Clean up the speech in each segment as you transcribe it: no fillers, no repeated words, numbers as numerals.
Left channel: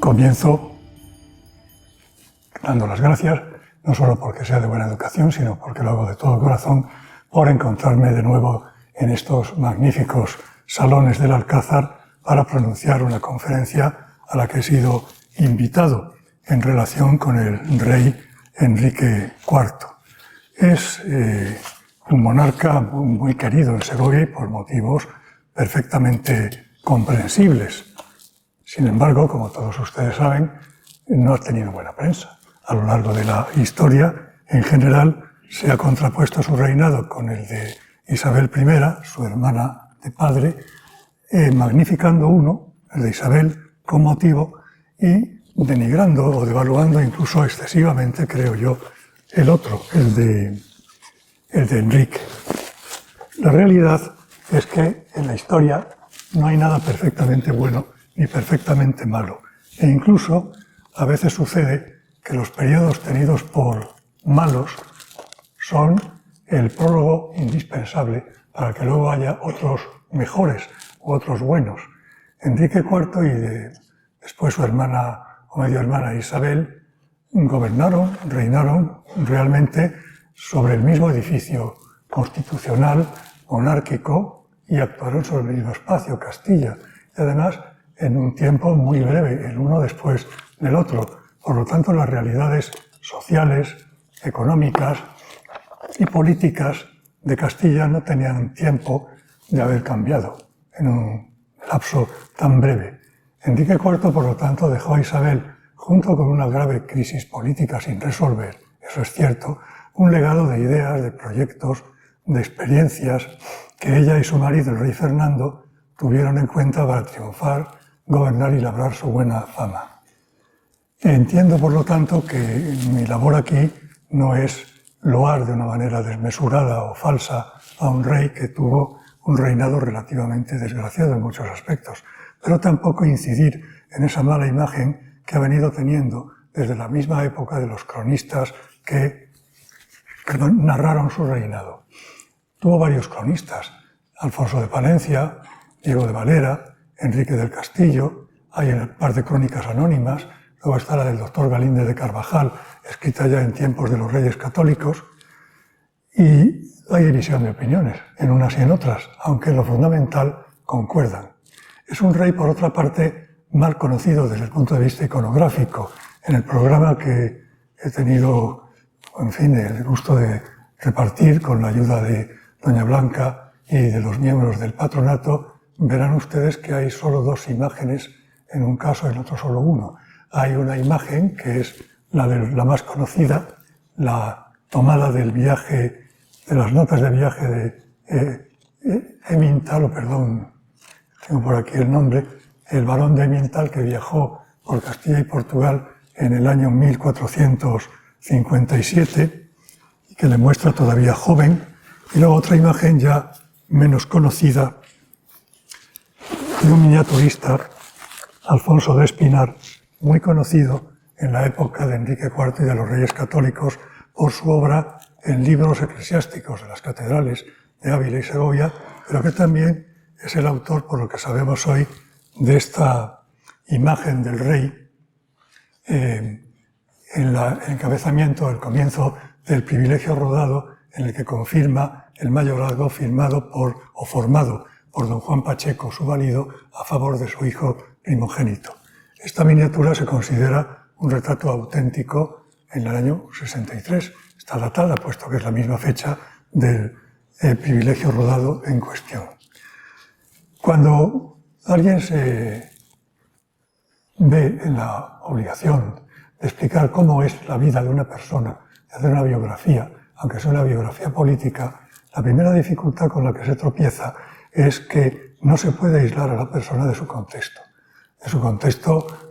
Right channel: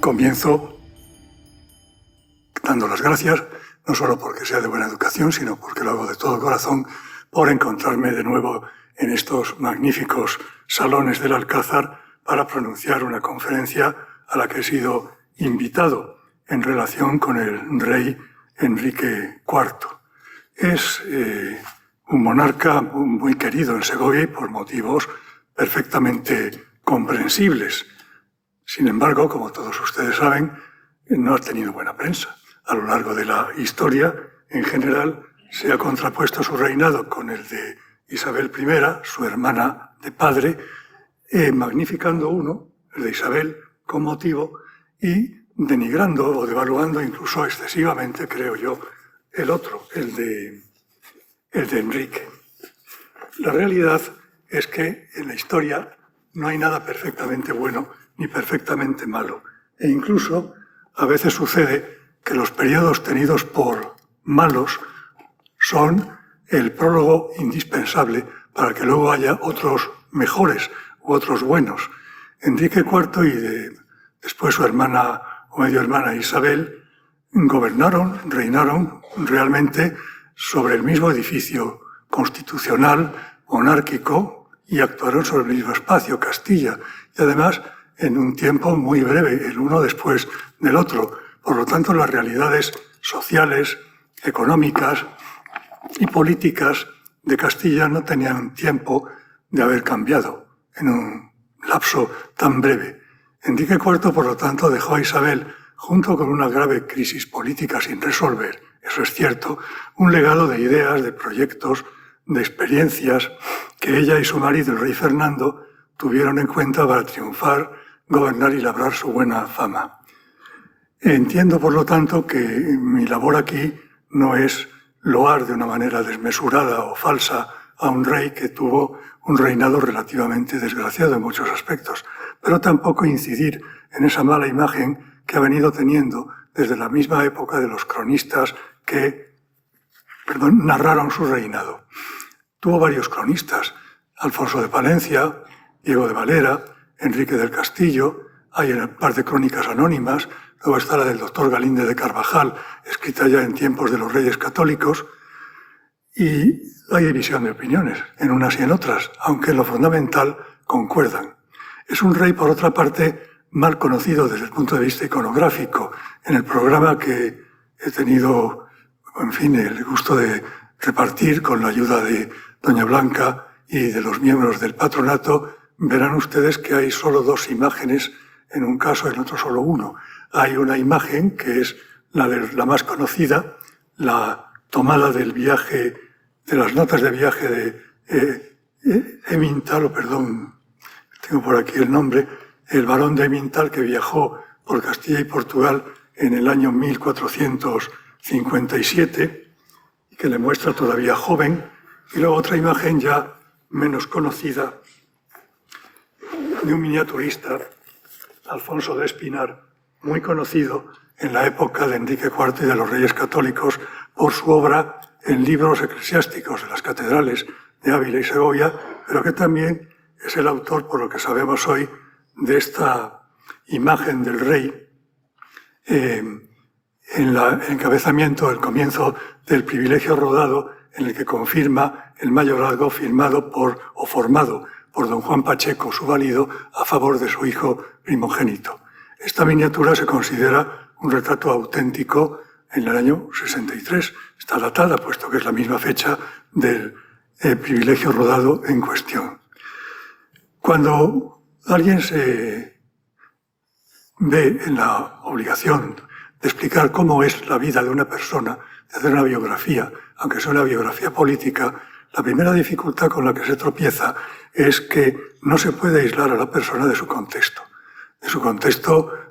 Comienzo dando las gracias, no solo porque sea de buena educación, sino porque lo hago de todo corazón, por encontrarme de nuevo en estos magníficos salones del Alcázar para pronunciar una conferencia a la que he sido invitado en relación con el rey Enrique IV. Es un monarca muy querido en Segovia y por motivos perfectamente comprensibles. Sin embargo, como todos ustedes saben, no ha tenido buena prensa. A lo largo de la historia, en general, se ha contrapuesto su reinado con el de Isabel I, su hermana de padre, magnificando uno, el de Isabel, con motivo, y denigrando o devaluando incluso excesivamente, creo yo, el otro, el de Enrique. La realidad es que en la historia no hay nada perfectamente bueno ni perfectamente malo. E incluso a veces sucede que los periodos tenidos por malos son el prólogo indispensable para que luego haya otros mejores u otros buenos. Enrique IV y después su hermana o medio hermana Isabel reinaron realmente sobre el mismo edificio constitucional, monárquico, y actuaron sobre el mismo espacio, Castilla, y además en un tiempo muy breve, el uno después del otro. Por lo tanto, las realidades sociales, económicas y políticas de Castilla no tenían tiempo de haber cambiado en un lapso tan breve. Enrique IV, por lo tanto, dejó a Isabel, junto con una grave crisis política sin resolver, eso es cierto, un legado de ideas, de proyectos, de experiencias que ella y su marido, el rey Fernando, tuvieron en cuenta para triunfar, gobernar y labrar su buena fama. Entiendo, por lo tanto, que mi labor aquí no es loar de una manera desmesurada o falsa a un rey que tuvo un reinado relativamente desgraciado en muchos aspectos, pero tampoco incidir en esa mala imagen que ha venido teniendo desde la misma época de los cronistas que narraron su reinado. Tuvo varios cronistas: Alfonso de Palencia, Diego de Valera, Enrique del Castillo. Hay un par de crónicas anónimas. Luego está la del doctor Galíndez de Carvajal, escrita ya en tiempos de los reyes católicos. Y hay división de opiniones en unas y en otras, aunque en lo fundamental concuerdan. Es un rey, por otra parte, mal conocido desde el punto de vista iconográfico. En el programa que he tenido, en fin, el gusto de repartir con la ayuda de doña Blanca y de los miembros del patronato, verán ustedes que hay solo dos imágenes, en un caso y en otro solo uno. Hay una imagen que es la más conocida, la tomada del viaje, de las notas de viaje de Emmental, tengo por aquí el nombre, el barón de Emmental, que viajó por Castilla y Portugal en el año 1457 y que le muestra todavía joven. Y luego otra imagen ya menos conocida de un miniaturista, Alfonso de Espinar, muy conocido en la época de Enrique IV y de los Reyes Católicos por su obra en libros eclesiásticos de las catedrales de Ávila y Segovia, pero que también es el autor, por lo que sabemos hoy, de esta imagen del rey en el encabezamiento, el comienzo del Privilegio Rodado, en el que confirma el mayorazgo formado por don Juan Pacheco, su valido, a favor de su hijo primogénito. Esta miniatura se considera un retrato auténtico en el año 63. Está datada, puesto que es la misma fecha del privilegio rodado en cuestión. Cuando alguien se ve en la obligación de explicar cómo es la vida de una persona, de hacer una biografía, aunque sea una biografía política, la primera dificultad con la que se tropieza es que no se puede aislar a la persona de su contexto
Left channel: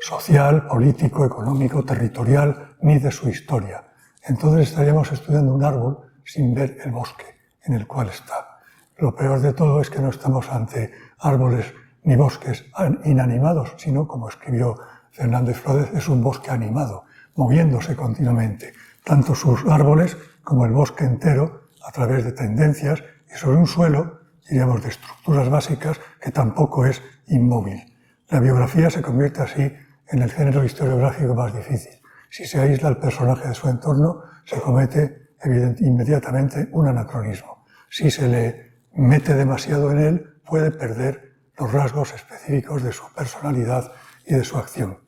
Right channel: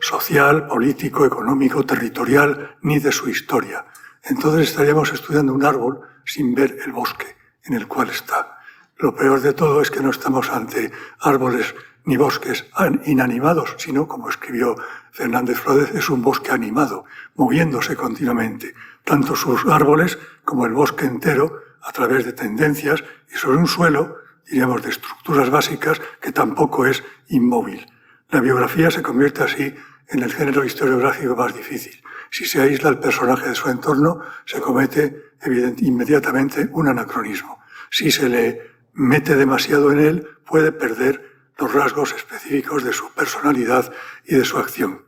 social, político, económico, territorial, ni de su historia. Entonces estaríamos estudiando un árbol sin ver el bosque en el cual está. Lo peor de todo es que no estamos ante árboles ni bosques inanimados, sino, como escribió Fernández Flórez, es un bosque animado, moviéndose continuamente, tanto sus árboles como el bosque entero, a través de tendencias y sobre un suelo, diríamos, de estructuras básicas que tampoco es inmóvil. La biografía se convierte así en el género historiográfico más difícil. Si se aísla el personaje de su entorno, se comete inmediatamente un anacronismo. Si se le mete demasiado en él, puede perder los rasgos específicos de su personalidad y de su acción.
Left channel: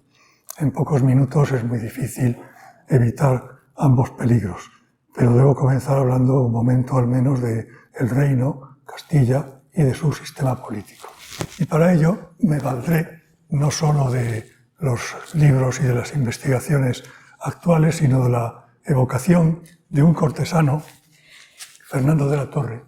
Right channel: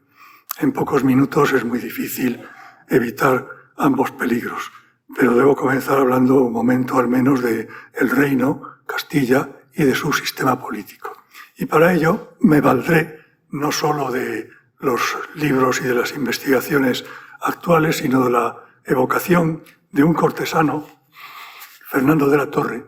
En pocos minutos es muy difícil evitar ambos peligros, pero debo comenzar hablando un momento al menos del reino, Castilla, y de su sistema político. Y para ello me valdré no solo de los libros y de las investigaciones actuales, sino de la evocación de un cortesano, Fernando de la Torre,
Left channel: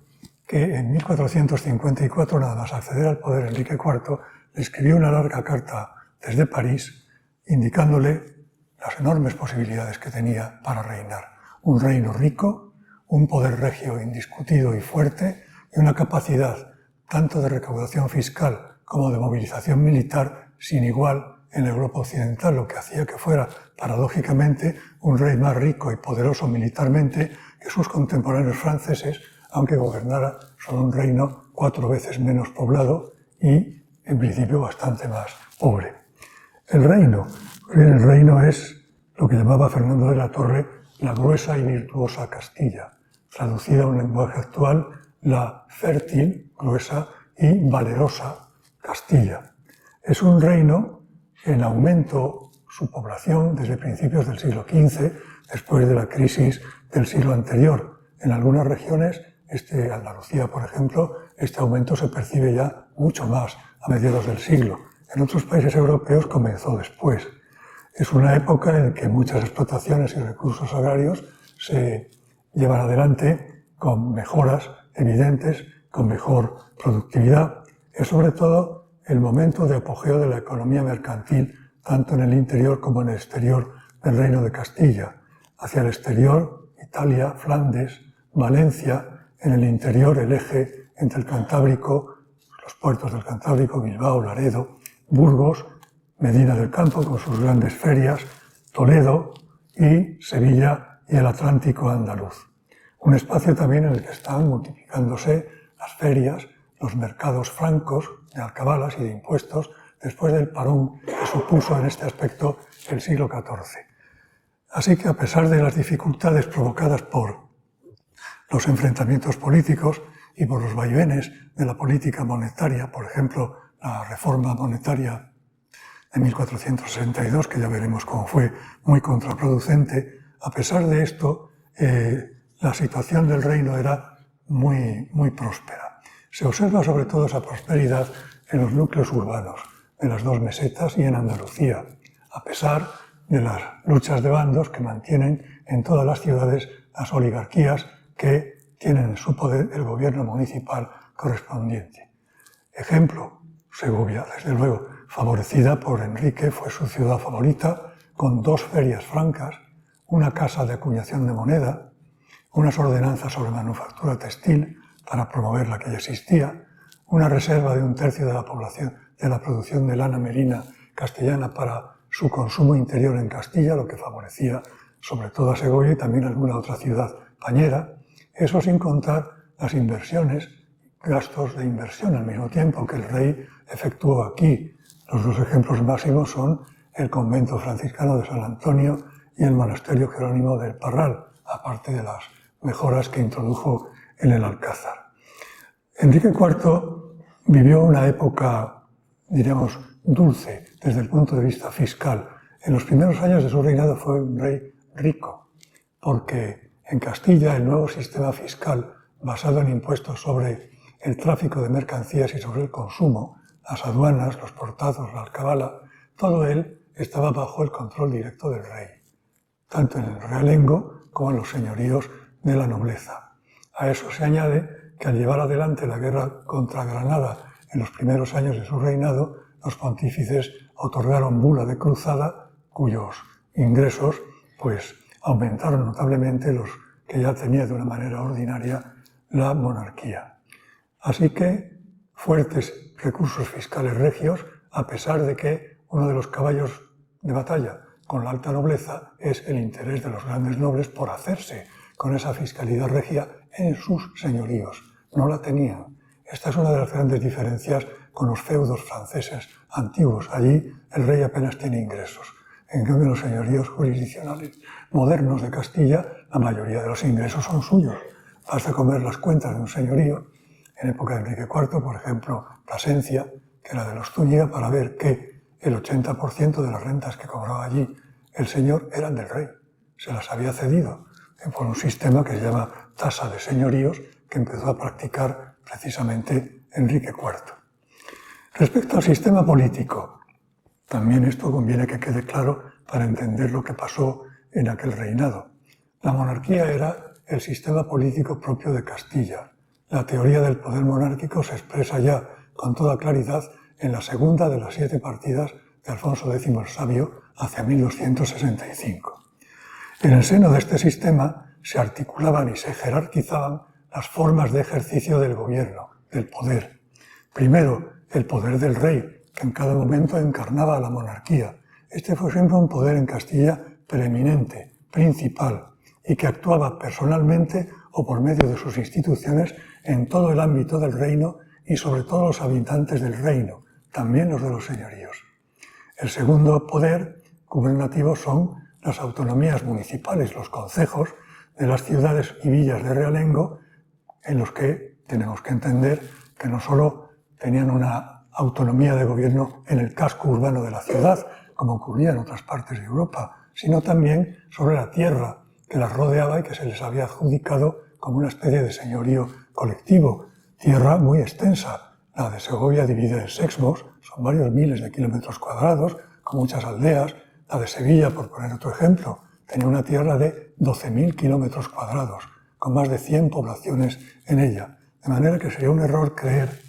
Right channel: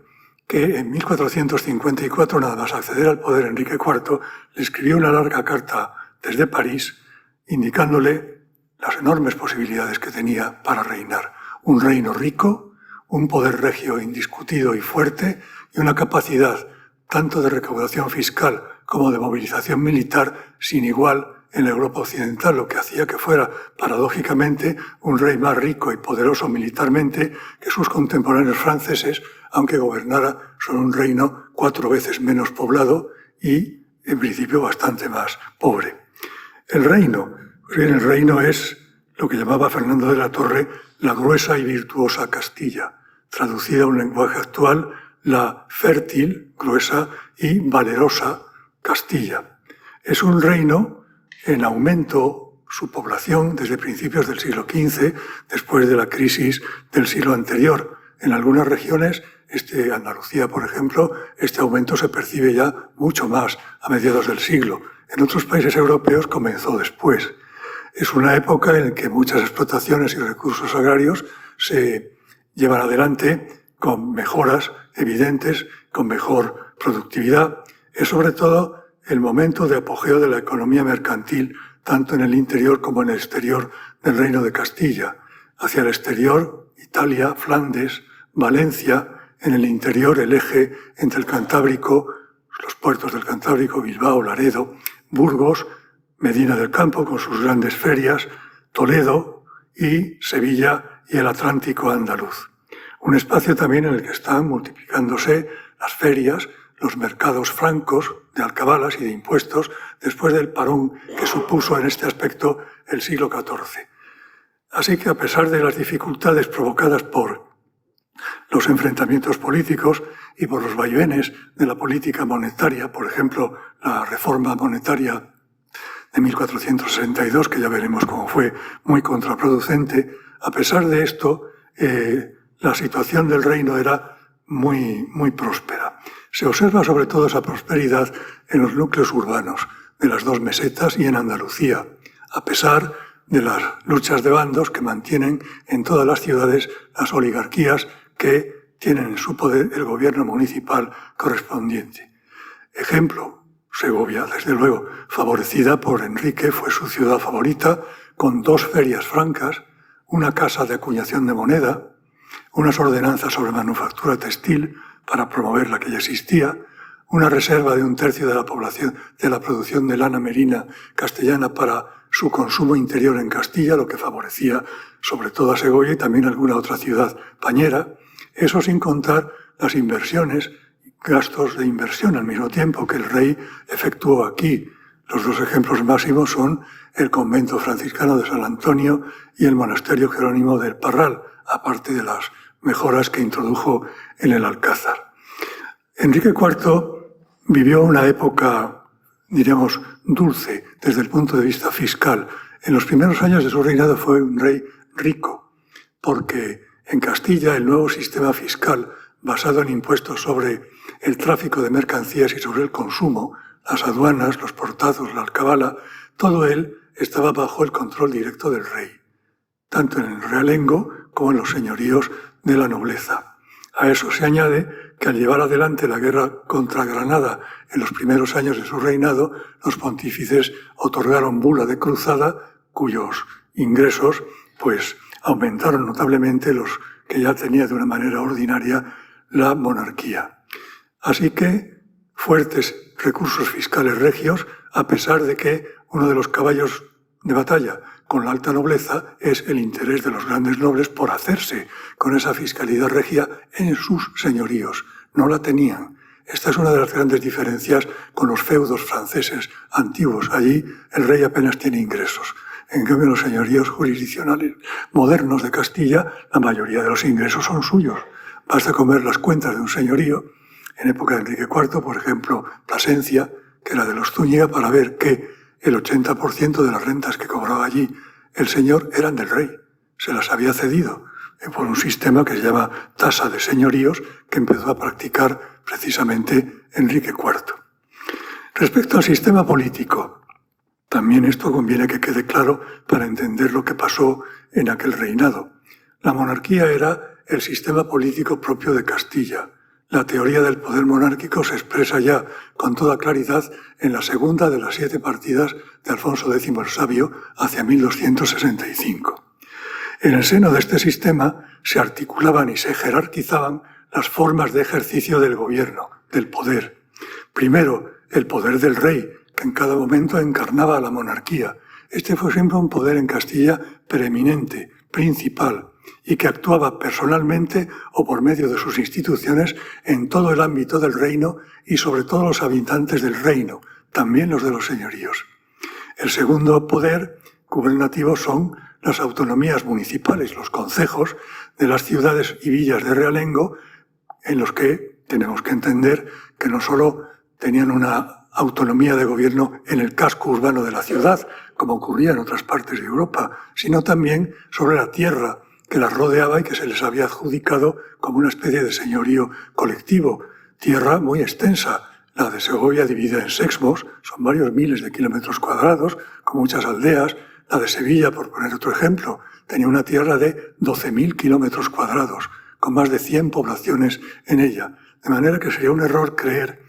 que en 1454, nada más acceder al poder Enrique IV, le escribió una larga carta desde París, indicándole las enormes posibilidades que tenía para reinar. Un reino rico, un poder regio indiscutido y fuerte, y una capacidad tanto de recaudación fiscal como de movilización militar sin igual en la Europa occidental, lo que hacía que fuera, paradójicamente, un rey más rico y poderoso militarmente que sus contemporáneos franceses, aunque gobernara sobre un reino 4 veces menos poblado y, en principio, bastante más pobre. El reino es lo que llamaba Fernando de la Torre la gruesa y virtuosa Castilla, traducida a un lenguaje actual, la fértil, gruesa y valerosa Castilla. Es un reino en aumento su población desde principios del siglo XV, después de la crisis del siglo anterior. En algunas regiones, Andalucía, por ejemplo, este aumento se percibe ya mucho más a mediados del siglo. En otros países europeos comenzó después. Es una época en que muchas explotaciones y recursos agrarios se llevan adelante con mejoras evidentes, con mejor productividad. Es sobre todo el momento de apogeo de la economía mercantil, tanto en el interior como en el exterior del Reino de Castilla. Hacia el exterior, Italia, Flandes, Valencia; en el interior, el eje entre el Cantábrico, los puertos del Cantábrico, Bilbao, Laredo, Burgos, Medina del Campo con sus grandes ferias, Toledo y Sevilla y el Atlántico andaluz. Un espacio también en el que están multiplicándose las ferias, los mercados francos de alcabalas y de impuestos después del parón que supuso en este aspecto el siglo XIV. Así que a pesar de las dificultades provocadas por los enfrentamientos políticos y por los vaivenes de la política monetaria, por ejemplo, la reforma monetaria de 1462, que ya veremos cómo fue muy contraproducente, a pesar de esto, la situación del reino era muy próspera. Se observa sobre todo esa prosperidad en los núcleos urbanos de las dos mesetas y en Andalucía, a pesar de las luchas de bandos que mantienen en todas las ciudades las oligarquías que tienen en su poder el gobierno municipal correspondiente. Ejemplo, Segovia, desde luego, favorecida por Enrique, fue su ciudad favorita, con 2 ferias francas, una casa de acuñación de moneda, unas ordenanzas sobre manufactura textil para promover la que ya existía, una reserva de 1/3 de la población de la producción de lana merina castellana para su consumo interior en Castilla, lo que favorecía sobre todo a Segovia y también alguna otra ciudad pañera. Eso sin contar las inversiones, gastos de inversión al mismo tiempo que el rey efectuó aquí. Los 2 ejemplos máximos son el convento franciscano de San Antonio y el monasterio jerónimo del Parral, aparte de las mejoras que introdujo en el Alcázar. Enrique IV vivió una época, diríamos, dulce desde el punto de vista fiscal. En los primeros años de su reinado fue un rey rico, porque en Castilla el nuevo sistema fiscal basado en impuestos sobre el tráfico de mercancías y sobre el consumo, las aduanas, los portados, la alcabala, todo él estaba bajo el control directo del rey, tanto en el realengo como en los señoríos de la nobleza. A eso se añade que al llevar adelante la guerra contra Granada en los primeros años de su reinado, los pontífices otorgaron bula de cruzada, cuyos ingresos aumentaron notablemente los que ya tenía de una manera ordinaria la monarquía. Así que fuertes recursos fiscales regios, a pesar de que uno de los caballos de batalla con la alta nobleza es el interés de los grandes nobles por hacerse con esa fiscalidad regia en sus señoríos. no la tenían. Esta es una de las grandes diferencias con los feudos franceses antiguos. Allí el rey apenas tiene ingresos. En cambio, los señoríos jurisdiccionales modernos de Castilla, la mayoría de los ingresos son suyos. Basta con ver las cuentas de un señorío en época de Enrique IV, por ejemplo, Plasencia, que era de los Zúñiga, para ver que el 80% de las rentas que cobraba allí el señor eran del rey. Se las había cedido por un sistema que se llama tasa de señoríos, que empezó a practicar precisamente Enrique IV. Respecto al sistema político, también esto conviene que quede claro para entender lo que pasó en aquel reinado. La monarquía era el sistema político propio de Castilla. La teoría del poder monárquico se expresa ya con toda claridad en la segunda de las 7 partidas de Alfonso X el Sabio hacia 1265. En el seno de este sistema se articulaban y se jerarquizaban las formas de ejercicio del gobierno, del poder. Primero, el poder del rey, que en cada momento encarnaba a la monarquía. Este fue siempre un poder en Castilla preeminente, principal, y que actuaba personalmente o por medio de sus instituciones en todo el ámbito del reino y sobre todo los habitantes del reino, también los de los señoríos. El segundo poder gubernativo son las autonomías municipales, los concejos de las ciudades y villas de realengo, en los que tenemos que entender que no solo tenían una autonomía de gobierno en el casco urbano de la ciudad, como ocurría en otras partes de Europa, sino también sobre la tierra que las rodeaba y que se les había adjudicado como una especie de señorío colectivo. Tierra muy extensa, la de Segovia dividida en sexmos, son varios miles de kilómetros cuadrados, con muchas aldeas. La de Sevilla, por poner otro ejemplo, tenía una tierra de 12.000 kilómetros cuadrados, con más de 100 poblaciones en ella. De manera que sería un error creer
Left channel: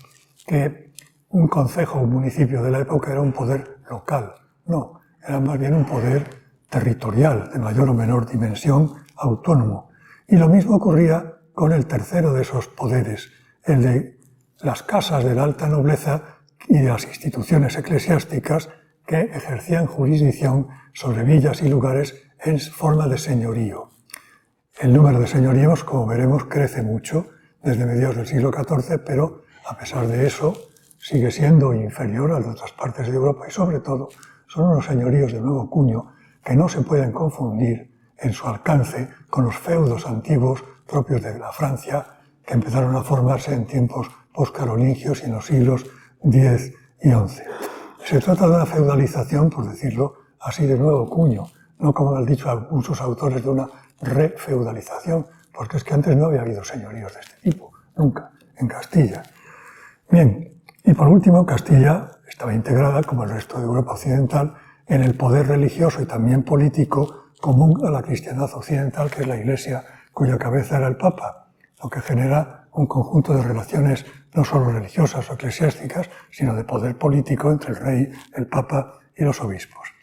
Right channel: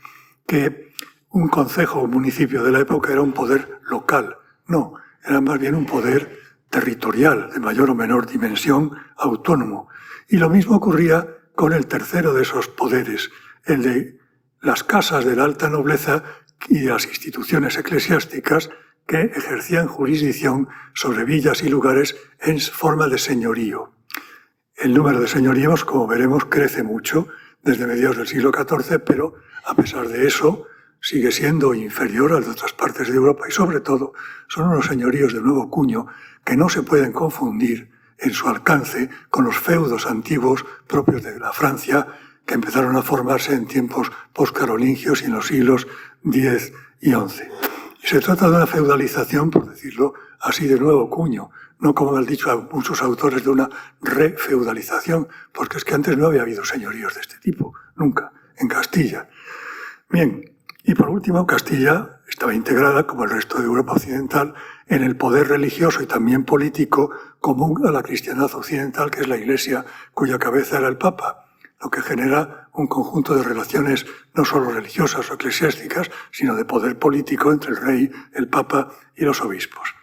que un concejo o un municipio de la época era un poder local. No, era más bien un poder territorial, de mayor o menor dimensión, autónomo. Y lo mismo ocurría con el tercero de esos poderes, el de las casas de la alta nobleza y de las instituciones eclesiásticas que ejercían jurisdicción sobre villas y lugares en forma de señorío. El número de señoríos, como veremos, crece mucho desde mediados del siglo XIV, pero a pesar de eso sigue siendo inferior al de otras partes de Europa y sobre todo son unos señoríos de nuevo cuño que no se pueden confundir en su alcance con los feudos antiguos propios de la Francia que empezaron a formarse en tiempos postcarolingios y en los siglos X y XI. Se trata de una feudalización, por decirlo así, de nuevo cuño, no como han dicho muchos autores de una refeudalización, porque es que antes no había habido señoríos de este tipo, nunca, en Castilla. Bien, y por último, Castilla estaba integrada, como el resto de Europa occidental, en el poder religioso y también político común a la cristiandad occidental, que es la Iglesia, cuya cabeza era el Papa, lo que genera un conjunto de relaciones no solo religiosas o eclesiásticas, sino de poder político entre el rey, el Papa y los obispos.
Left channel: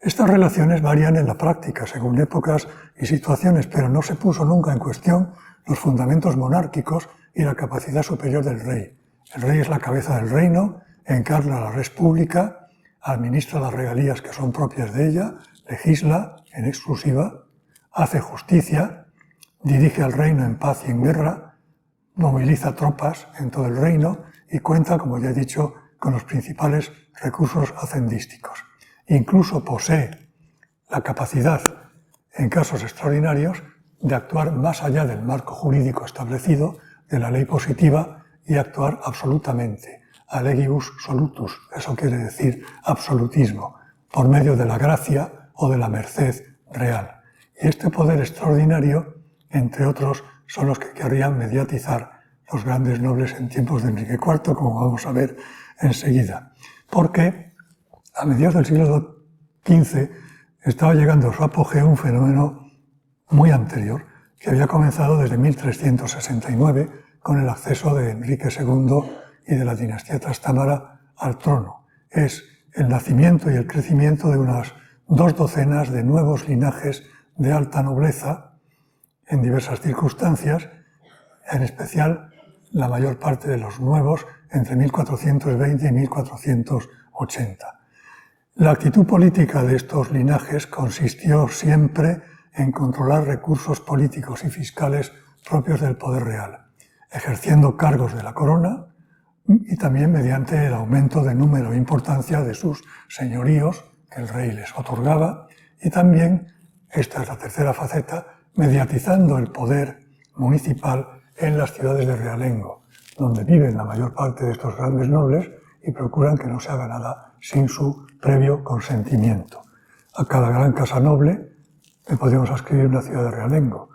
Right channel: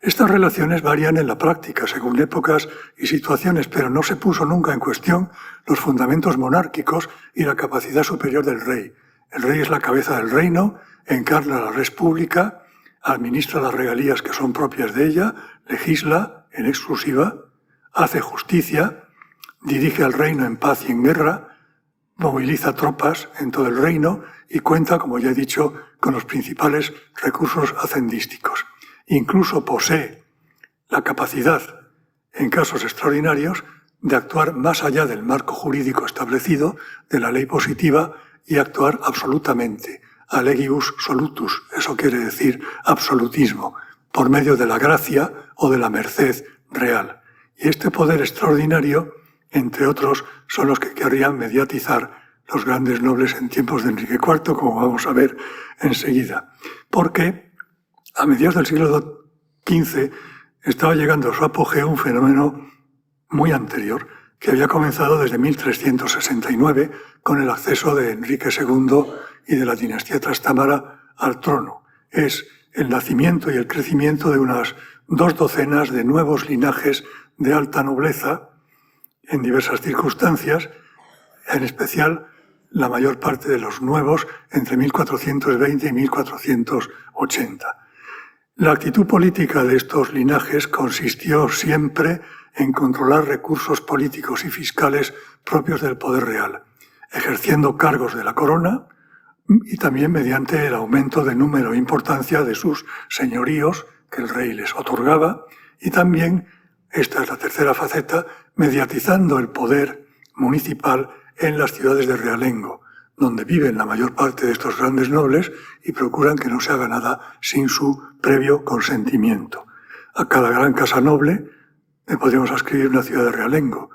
Estas relaciones varían en la práctica según épocas y situaciones, pero no se puso nunca en cuestión los fundamentos monárquicos y la capacidad superior del rey. El rey es la cabeza del reino, encarna la res pública, administra las regalías que son propias de ella, legisla en exclusiva, hace justicia, dirige al reino en paz y en guerra, moviliza tropas en todo el reino y cuenta, como ya he dicho, con los principales recursos hacendísticos. Incluso posee la capacidad, en casos extraordinarios, de actuar más allá del marco jurídico establecido, de la ley positiva, y actuar absolutamente, a legibus solutus, eso quiere decir absolutismo, por medio de la gracia o de la merced real. Y este poder extraordinario, entre otros, son los que querrían mediatizar los grandes nobles en tiempos de Enrique IV, como vamos a ver enseguida. Porque a mediados del siglo XV estaba llegando a su apogeo un fenómeno muy anterior, que había comenzado desde 1369 con el acceso de Enrique II y de la dinastía Trastámara al trono. Es el nacimiento y el crecimiento de unas 2 docenas de nuevos linajes de alta nobleza en diversas circunstancias, en especial la mayor parte de los nuevos entre 1420 y 1480. La actitud política de estos linajes consistió siempre en controlar recursos políticos y fiscales propios del poder real. ejerciendo cargos de la corona y también mediante el aumento de número e importancia de sus señoríos que el rey les otorgaba, y también, esta es la tercera faceta, mediatizando el poder municipal en las ciudades de realengo, donde viven la mayor parte de estos grandes nobles y procuran que no se haga nada sin su previo consentimiento. A cada gran casa noble le podemos ascribir una ciudad de realengo.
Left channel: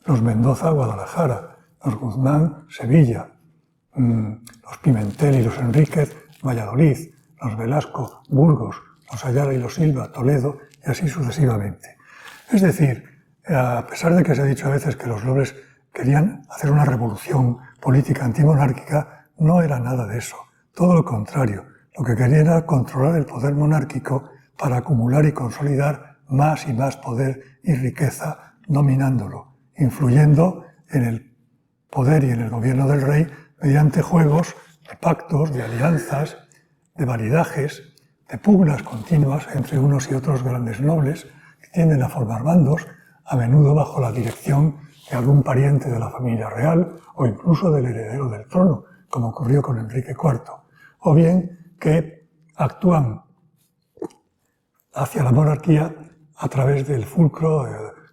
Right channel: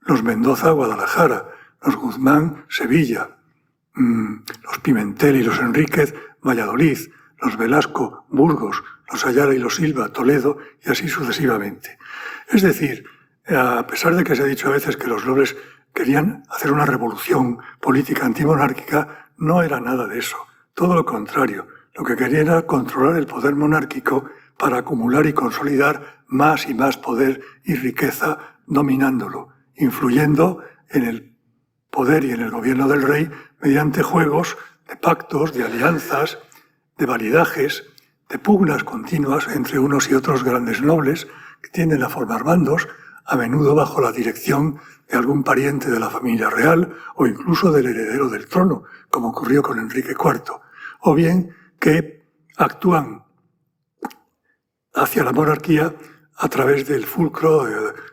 Los Mendoza, Guadalajara; los Guzmán, Sevilla; los Pimentel y los Enríquez, Valladolid; los Velasco, Burgos; los Ayala y los Silva, Toledo, y así sucesivamente. Es decir, a pesar de que se ha dicho a veces que los nobles querían hacer una revolución política antimonárquica, no era nada de eso. Todo lo contrario. Lo que querían era controlar el poder monárquico para acumular y consolidar más y más poder y riqueza, dominándolo, influyendo en el poder y en el gobierno del rey mediante juegos de pactos, de alianzas, de validajes, de pugnas continuas entre unos y otros grandes nobles que tienden a formar bandos, a menudo bajo la dirección de algún pariente de la familia real o incluso del heredero del trono, como ocurrió con Enrique IV, o bien que actúan hacia la monarquía a través del fulcro,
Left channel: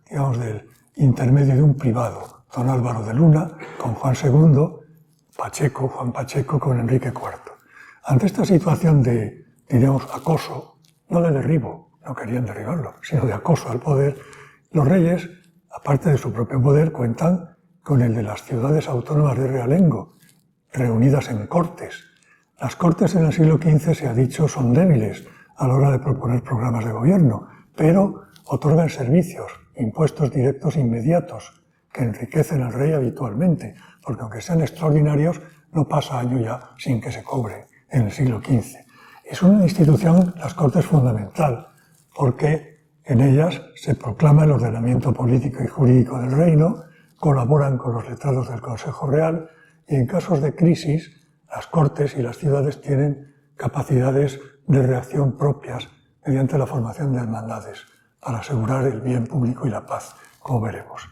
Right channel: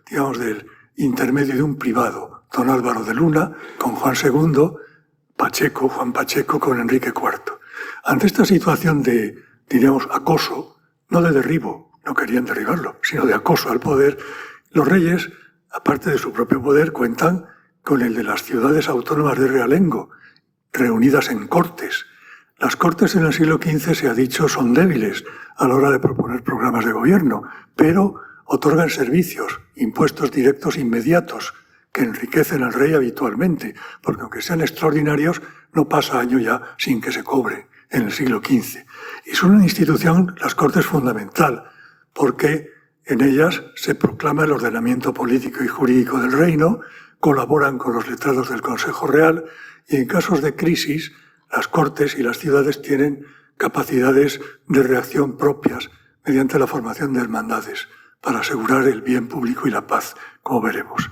digamos, del intermedio de un privado, don Álvaro de Luna con Juan II, Juan Pacheco con Enrique IV. Ante esta situación de, diríamos, acoso, no de derribo, no querían derribarlo, sino de acoso al poder, los reyes, aparte de su propio poder, cuentan con el de las ciudades autónomas de realengo, reunidas en cortes. Las cortes en el siglo XV, se ha dicho, son débiles a la hora de proponer programas de gobierno, pero otorgan servicios, impuestos directos inmediatos, que enriquecen al rey habitualmente, porque aunque sean extraordinarios, no pasa año ya sin que se cobre en el siglo XV. Y son una institución, las Cortes, fundamental, porque en ellas se proclama el ordenamiento político y jurídico del reino, colaboran con los letrados del Consejo Real y en casos de crisis las Cortes y las ciudades tienen capacidades de reacción propias mediante la formación de hermandades para asegurar el bien público y la paz, como veremos.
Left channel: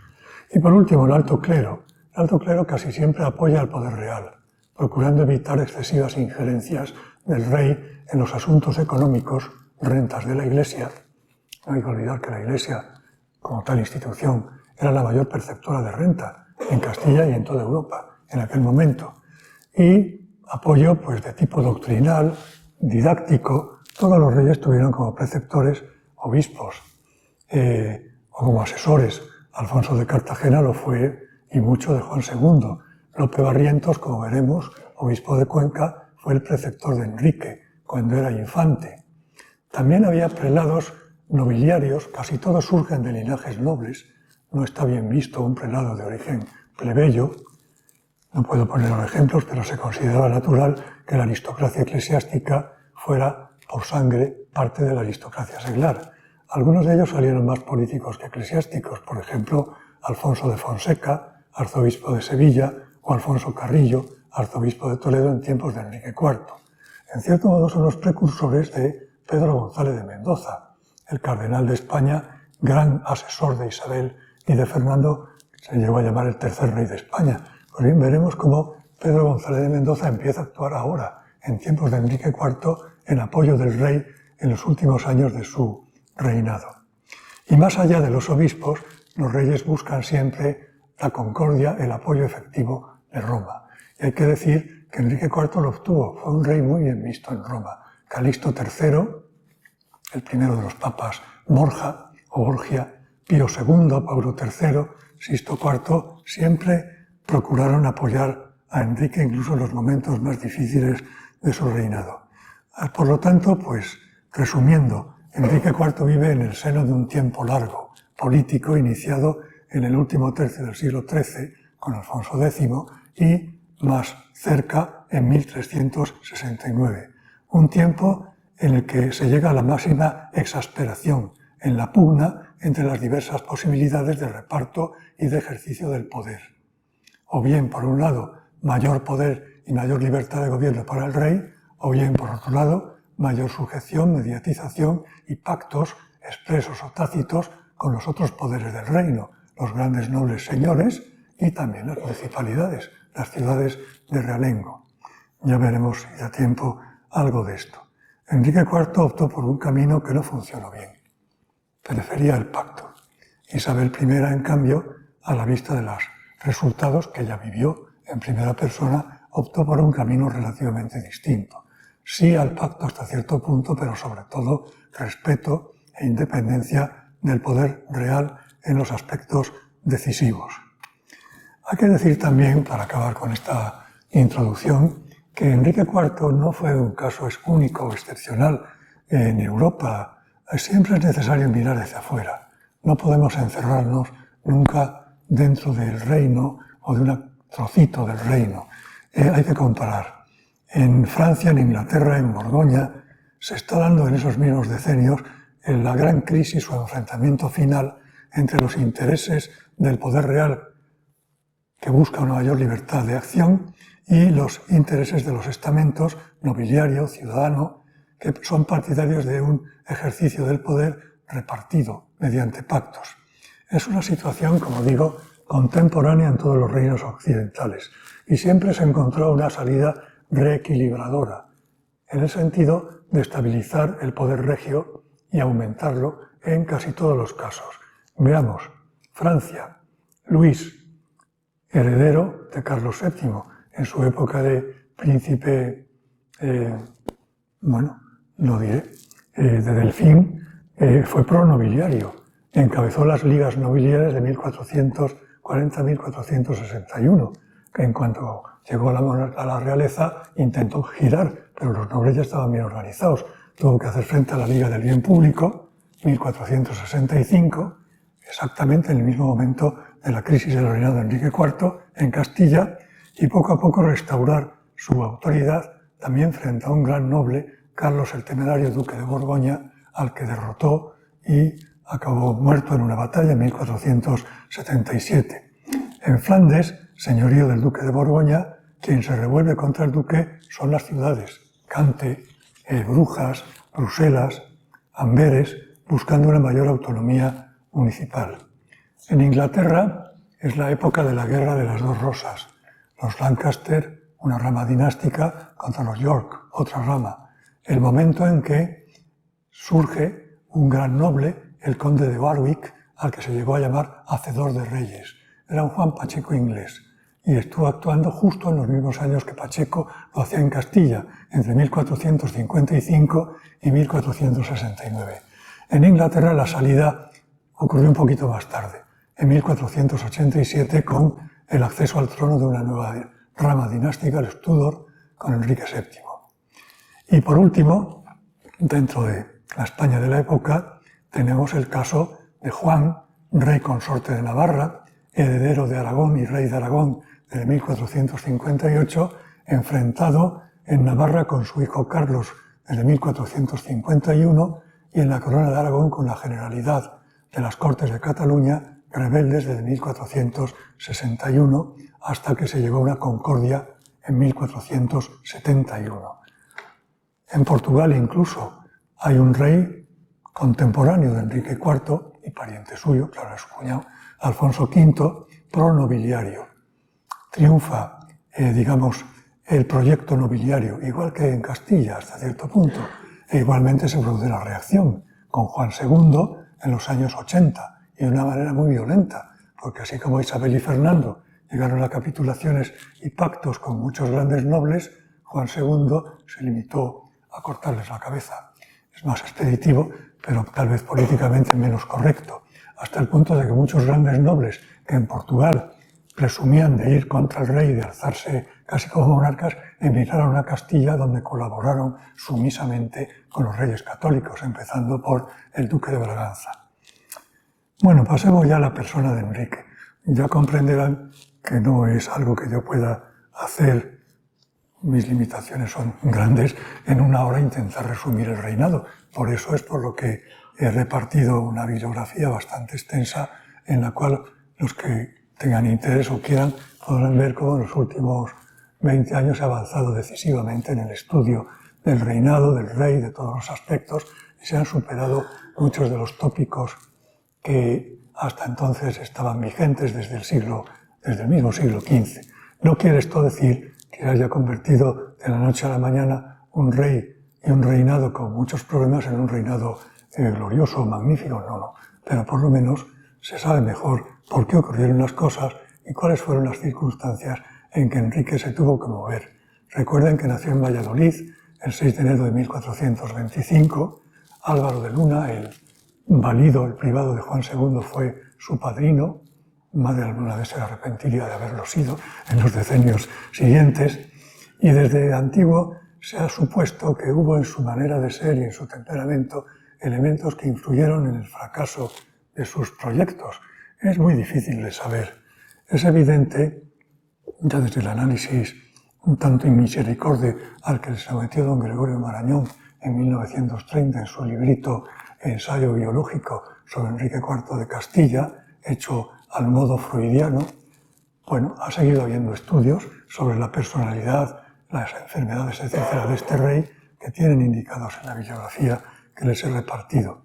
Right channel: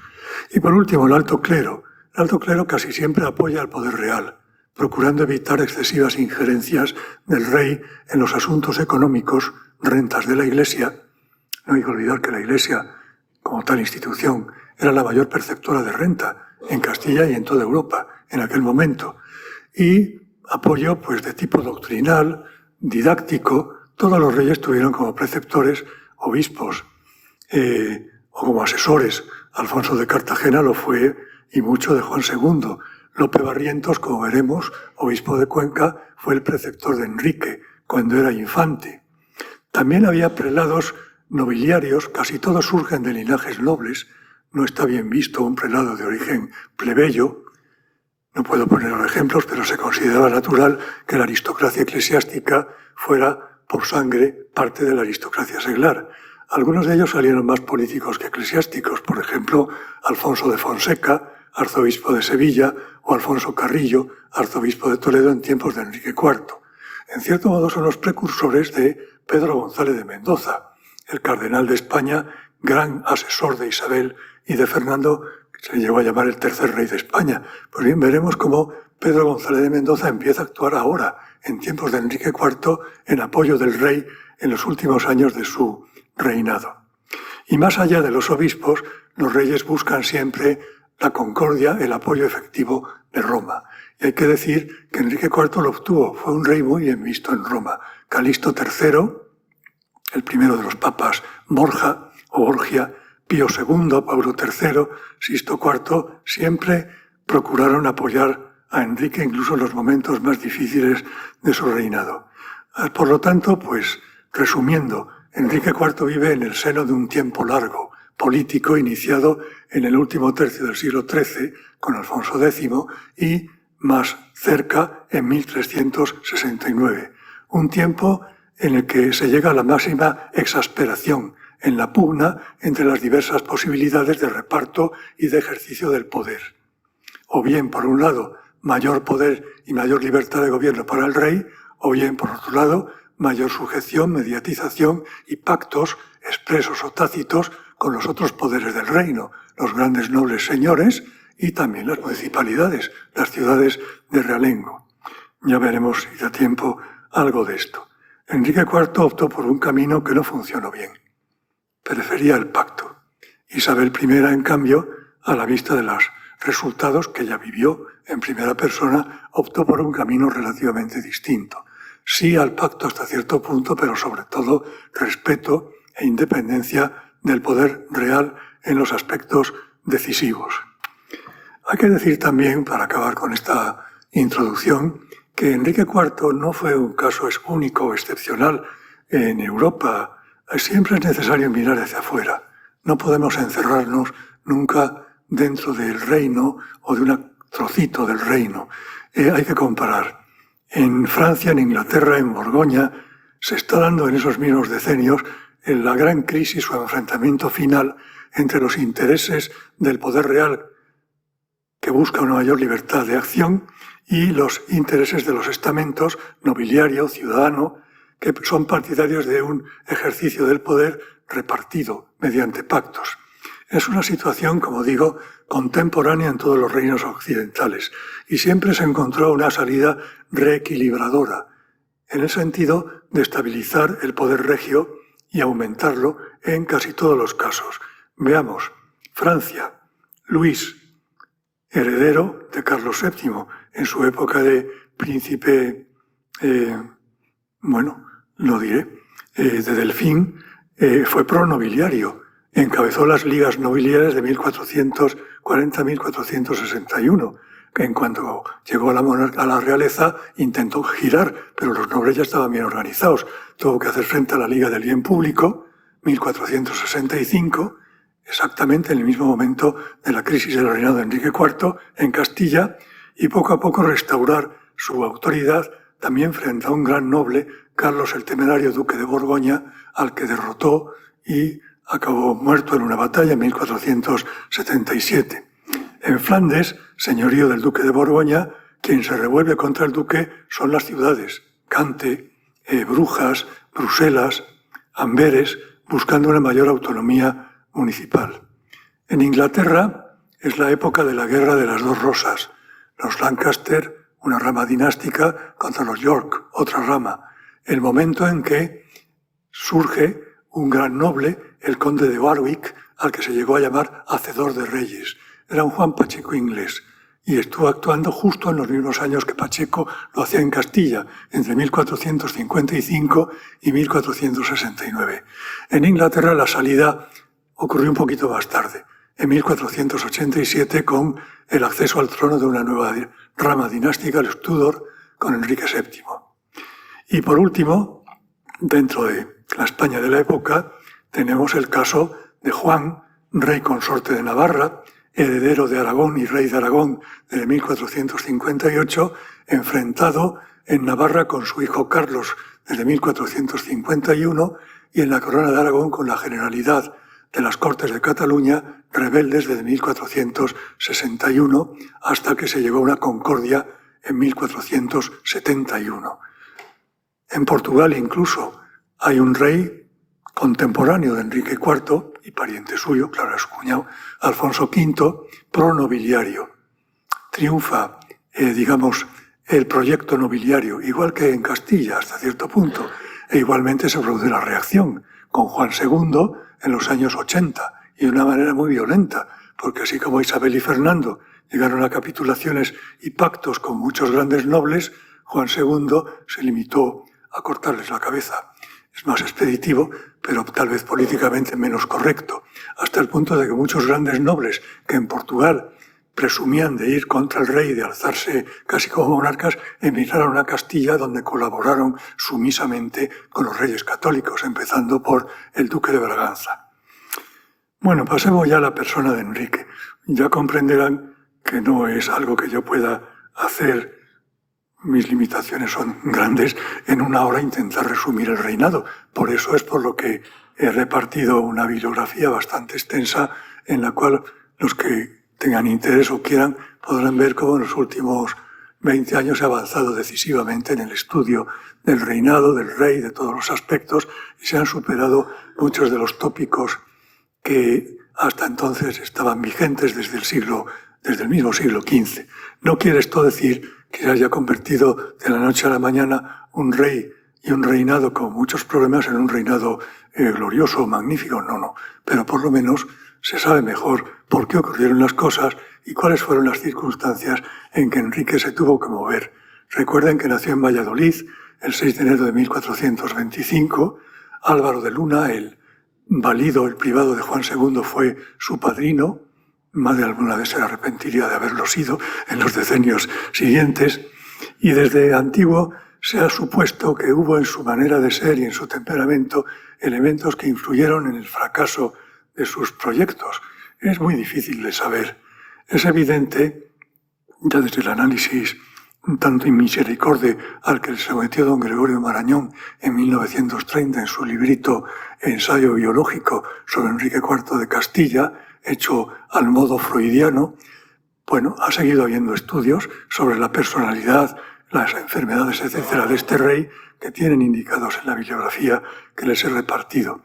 Y por último, el alto clero. El alto clero casi siempre apoya al poder real, procurando evitar excesivas injerencias del rey en los asuntos económicos, rentas de la Iglesia. No hay que olvidar que la Iglesia, como tal institución, era la mayor perceptora de renta en Castilla y en toda Europa en aquel momento. Y apoyo, pues, de tipo doctrinal, didáctico. Todos los reyes tuvieron como preceptores obispos o como asesores. Alfonso de Cartagena lo fue, y mucho, de Juan II. Lope Barrientos, como veremos, obispo de Cuenca, fue el preceptor de Enrique cuando era infante. También había prelados nobiliarios, casi todos surgen de linajes nobles. No está bien visto un prelado de origen plebeyo. No puedo poner los ejemplos, pero se consideraba natural que la aristocracia eclesiástica fuera por sangre parte de la aristocracia seglar. Algunos de ellos salieron más políticos que eclesiásticos, por ejemplo, Alfonso de Fonseca, arzobispo de Sevilla, o Alfonso Carrillo, arzobispo de Toledo en tiempos de Enrique IV. En cierto modo son los precursores de Pedro González de Mendoza, el cardenal de España, gran asesor de Isabel y de Fernando, que se llegó a llamar el tercer rey de España. Pues bien, veremos cómo Pedro González de Mendoza empieza a actuar ahora, en tiempos de Enrique IV, en apoyo del rey en los últimos años de su reinado. Y más allá de los obispos, los reyes buscan siempre la concordia, el apoyo efectivo de Roma. Y hay que decir que Enrique IV lo obtuvo, fue un rey muy bien visto en Roma. Calixto III, el primero de los papas Borja o Borgia, Pío II, Pablo III, Sixto IV, siempre procuraron apoyar a Enrique incluso en los momentos más difíciles de su reinado. Por lo tanto, pues, resumiendo, Enrique IV vive en el seno de un tiempo largo, político, iniciado en el último tercio del siglo XIII con Alfonso X y más cerca en 1369. Un tiempo en el que se llega a la máxima exasperación en la pugna entre las diversas posibilidades de reparto y de ejercicio del poder. O bien, por un lado, mayor poder y mayor libertad de gobierno para el rey, o bien, por otro lado, mayor sujeción, mediatización y pactos expresos o tácitos con los otros poderes del reino, los grandes nobles señores y también las municipalidades, las ciudades de realengo. Ya veremos, si da tiempo, algo de esto. Enrique IV optó por un camino que no funcionó bien. Prefería el pacto. Isabel I, en cambio, a la vista de los resultados que ella vivió en primera persona, optó por un camino relativamente distinto. Sí al pacto hasta cierto punto, pero sobre todo respeto e independencia del poder real en los aspectos decisivos. Hay que decir también, para acabar con esta introducción, que Enrique IV no fue un caso único o excepcional en Europa. Siempre es necesario mirar hacia afuera. No podemos encerrarnos nunca dentro del reino o de un trocito del reino. Hay que comparar. En Francia, en Inglaterra, en Borgoña, se está dando en esos mismos decenios la gran crisis o enfrentamiento final entre los intereses del poder real que busca una mayor libertad de acción y los intereses de los estamentos nobiliario, ciudadano, que son partidarios de un ejercicio del poder repartido mediante pactos. Es una situación, como digo, contemporánea en todos los reinos occidentales y siempre se encontró una salida reequilibradora, en el sentido de estabilizar el poder regio y aumentarlo en casi todos los casos. Veamos, Francia, Luis, heredero de Carlos VII, en su época de príncipe, de Delfín, fue pronobiliario, encabezó las ligas nobiliarias de 1440 a 1461, que en cuanto llegó a la realeza intentó girar, pero los nobles ya estaban bien organizados. Tuvo que hacer frente a la Liga del Bien Público, 1465, exactamente en el mismo momento de la crisis del reinado de Enrique IV en Castilla, y poco a poco restaurar su autoridad también frente a un gran noble, Carlos el Temerario, duque de Borgoña, al que derrotó y acabó muerto en una batalla en 1477. En Flandes, señorío del duque de Borgoña, quien se revuelve contra el duque son las ciudades, Cante, Brujas, Bruselas, Amberes, buscando una mayor autonomía municipal. En Inglaterra es la época de la Guerra de las Dos Rosas, los Lancaster, una rama dinástica, contra los York, otra rama, el momento en que surge un gran noble, el conde de Warwick, al que se llegó a llamar Hacedor de Reyes. Era un Juan Pacheco inglés y estuvo actuando justo en los mismos años que Pacheco lo hacía en Castilla, entre 1455 y 1469. En Inglaterra la salida ocurrió un poquito más tarde, en 1487, con el acceso al trono de una nueva rama dinástica, el Tudor, con Enrique VII. Y por último, dentro de la España de la época, tenemos el caso de Juan, rey consorte de Navarra, heredero de Aragón y rey de Aragón desde 1458, enfrentado en Navarra con su hijo Carlos desde 1451 y en la corona de Aragón con la Generalidad de las Cortes de Cataluña, rebeldes desde 1461 hasta que se llegó a una concordia en 1471. En Portugal incluso hay un rey contemporáneo de Enrique IV y pariente suyo, claro, es su cuñado, Alfonso V, pronobiliario. Triunfa, el proyecto nobiliario, igual que en Castilla hasta cierto punto, e igualmente se produce la reacción con Juan II en los años 80 y de una manera muy violenta, porque así como Isabel y Fernando llegaron a capitulaciones y pactos con muchos grandes nobles, Juan II se limitó a cortarles la cabeza. Es más expeditivo, pero tal vez políticamente menos correcto, hasta el punto de que muchos grandes nobles que en Portugal presumían de ir contra el rey y de alzarse casi como monarcas, emigraron a Castilla, donde colaboraron sumisamente con los reyes católicos, empezando por el duque de Braganza. Bueno, pasemos ya a la persona de Enrique. Ya comprenderán que no es algo que yo pueda hacer. Mis limitaciones son grandes, en una hora intentar resumir el reinado. Por eso es por lo que he repartido una bibliografía bastante extensa en la cual los que tengan interés o quieran podrán ver cómo en los últimos 20 años he avanzado decisivamente en el estudio del reinado, del rey, de todos los aspectos, y se han superado muchos de los tópicos que hasta entonces estaban vigentes desde el siglo desde el mismo siglo XV. No quiere esto decir que se haya convertido de la noche a la mañana un rey y un reinado con muchos problemas en un reinado glorioso, magnífico, no. Pero por lo menos se sabe mejor por qué ocurrieron las cosas y cuáles fueron las circunstancias en que Enrique se tuvo que mover. Recuerden que nació en Valladolid el 6 de enero de 1425. Álvaro de Luna, el valido, el privado de Juan II, fue su padrino. Más de alguna vez se arrepentiría de haberlo sido en los decenios siguientes. Y desde antiguo se ha supuesto que hubo en su manera de ser y en su temperamento elementos que influyeron en el fracaso de sus proyectos. Es muy difícil de saber. Es evidente, ya desde el análisis un tanto inmisericorde al que se sometió don Gregorio Marañón en 1930 en su librito Ensayo biológico sobre Enrique IV de Castilla, hecho al modo freudiano, bueno, ha seguido habiendo estudios sobre la personalidad, las enfermedades, etcétera, de este rey que tienen indicados en la bibliografía que les he repartido.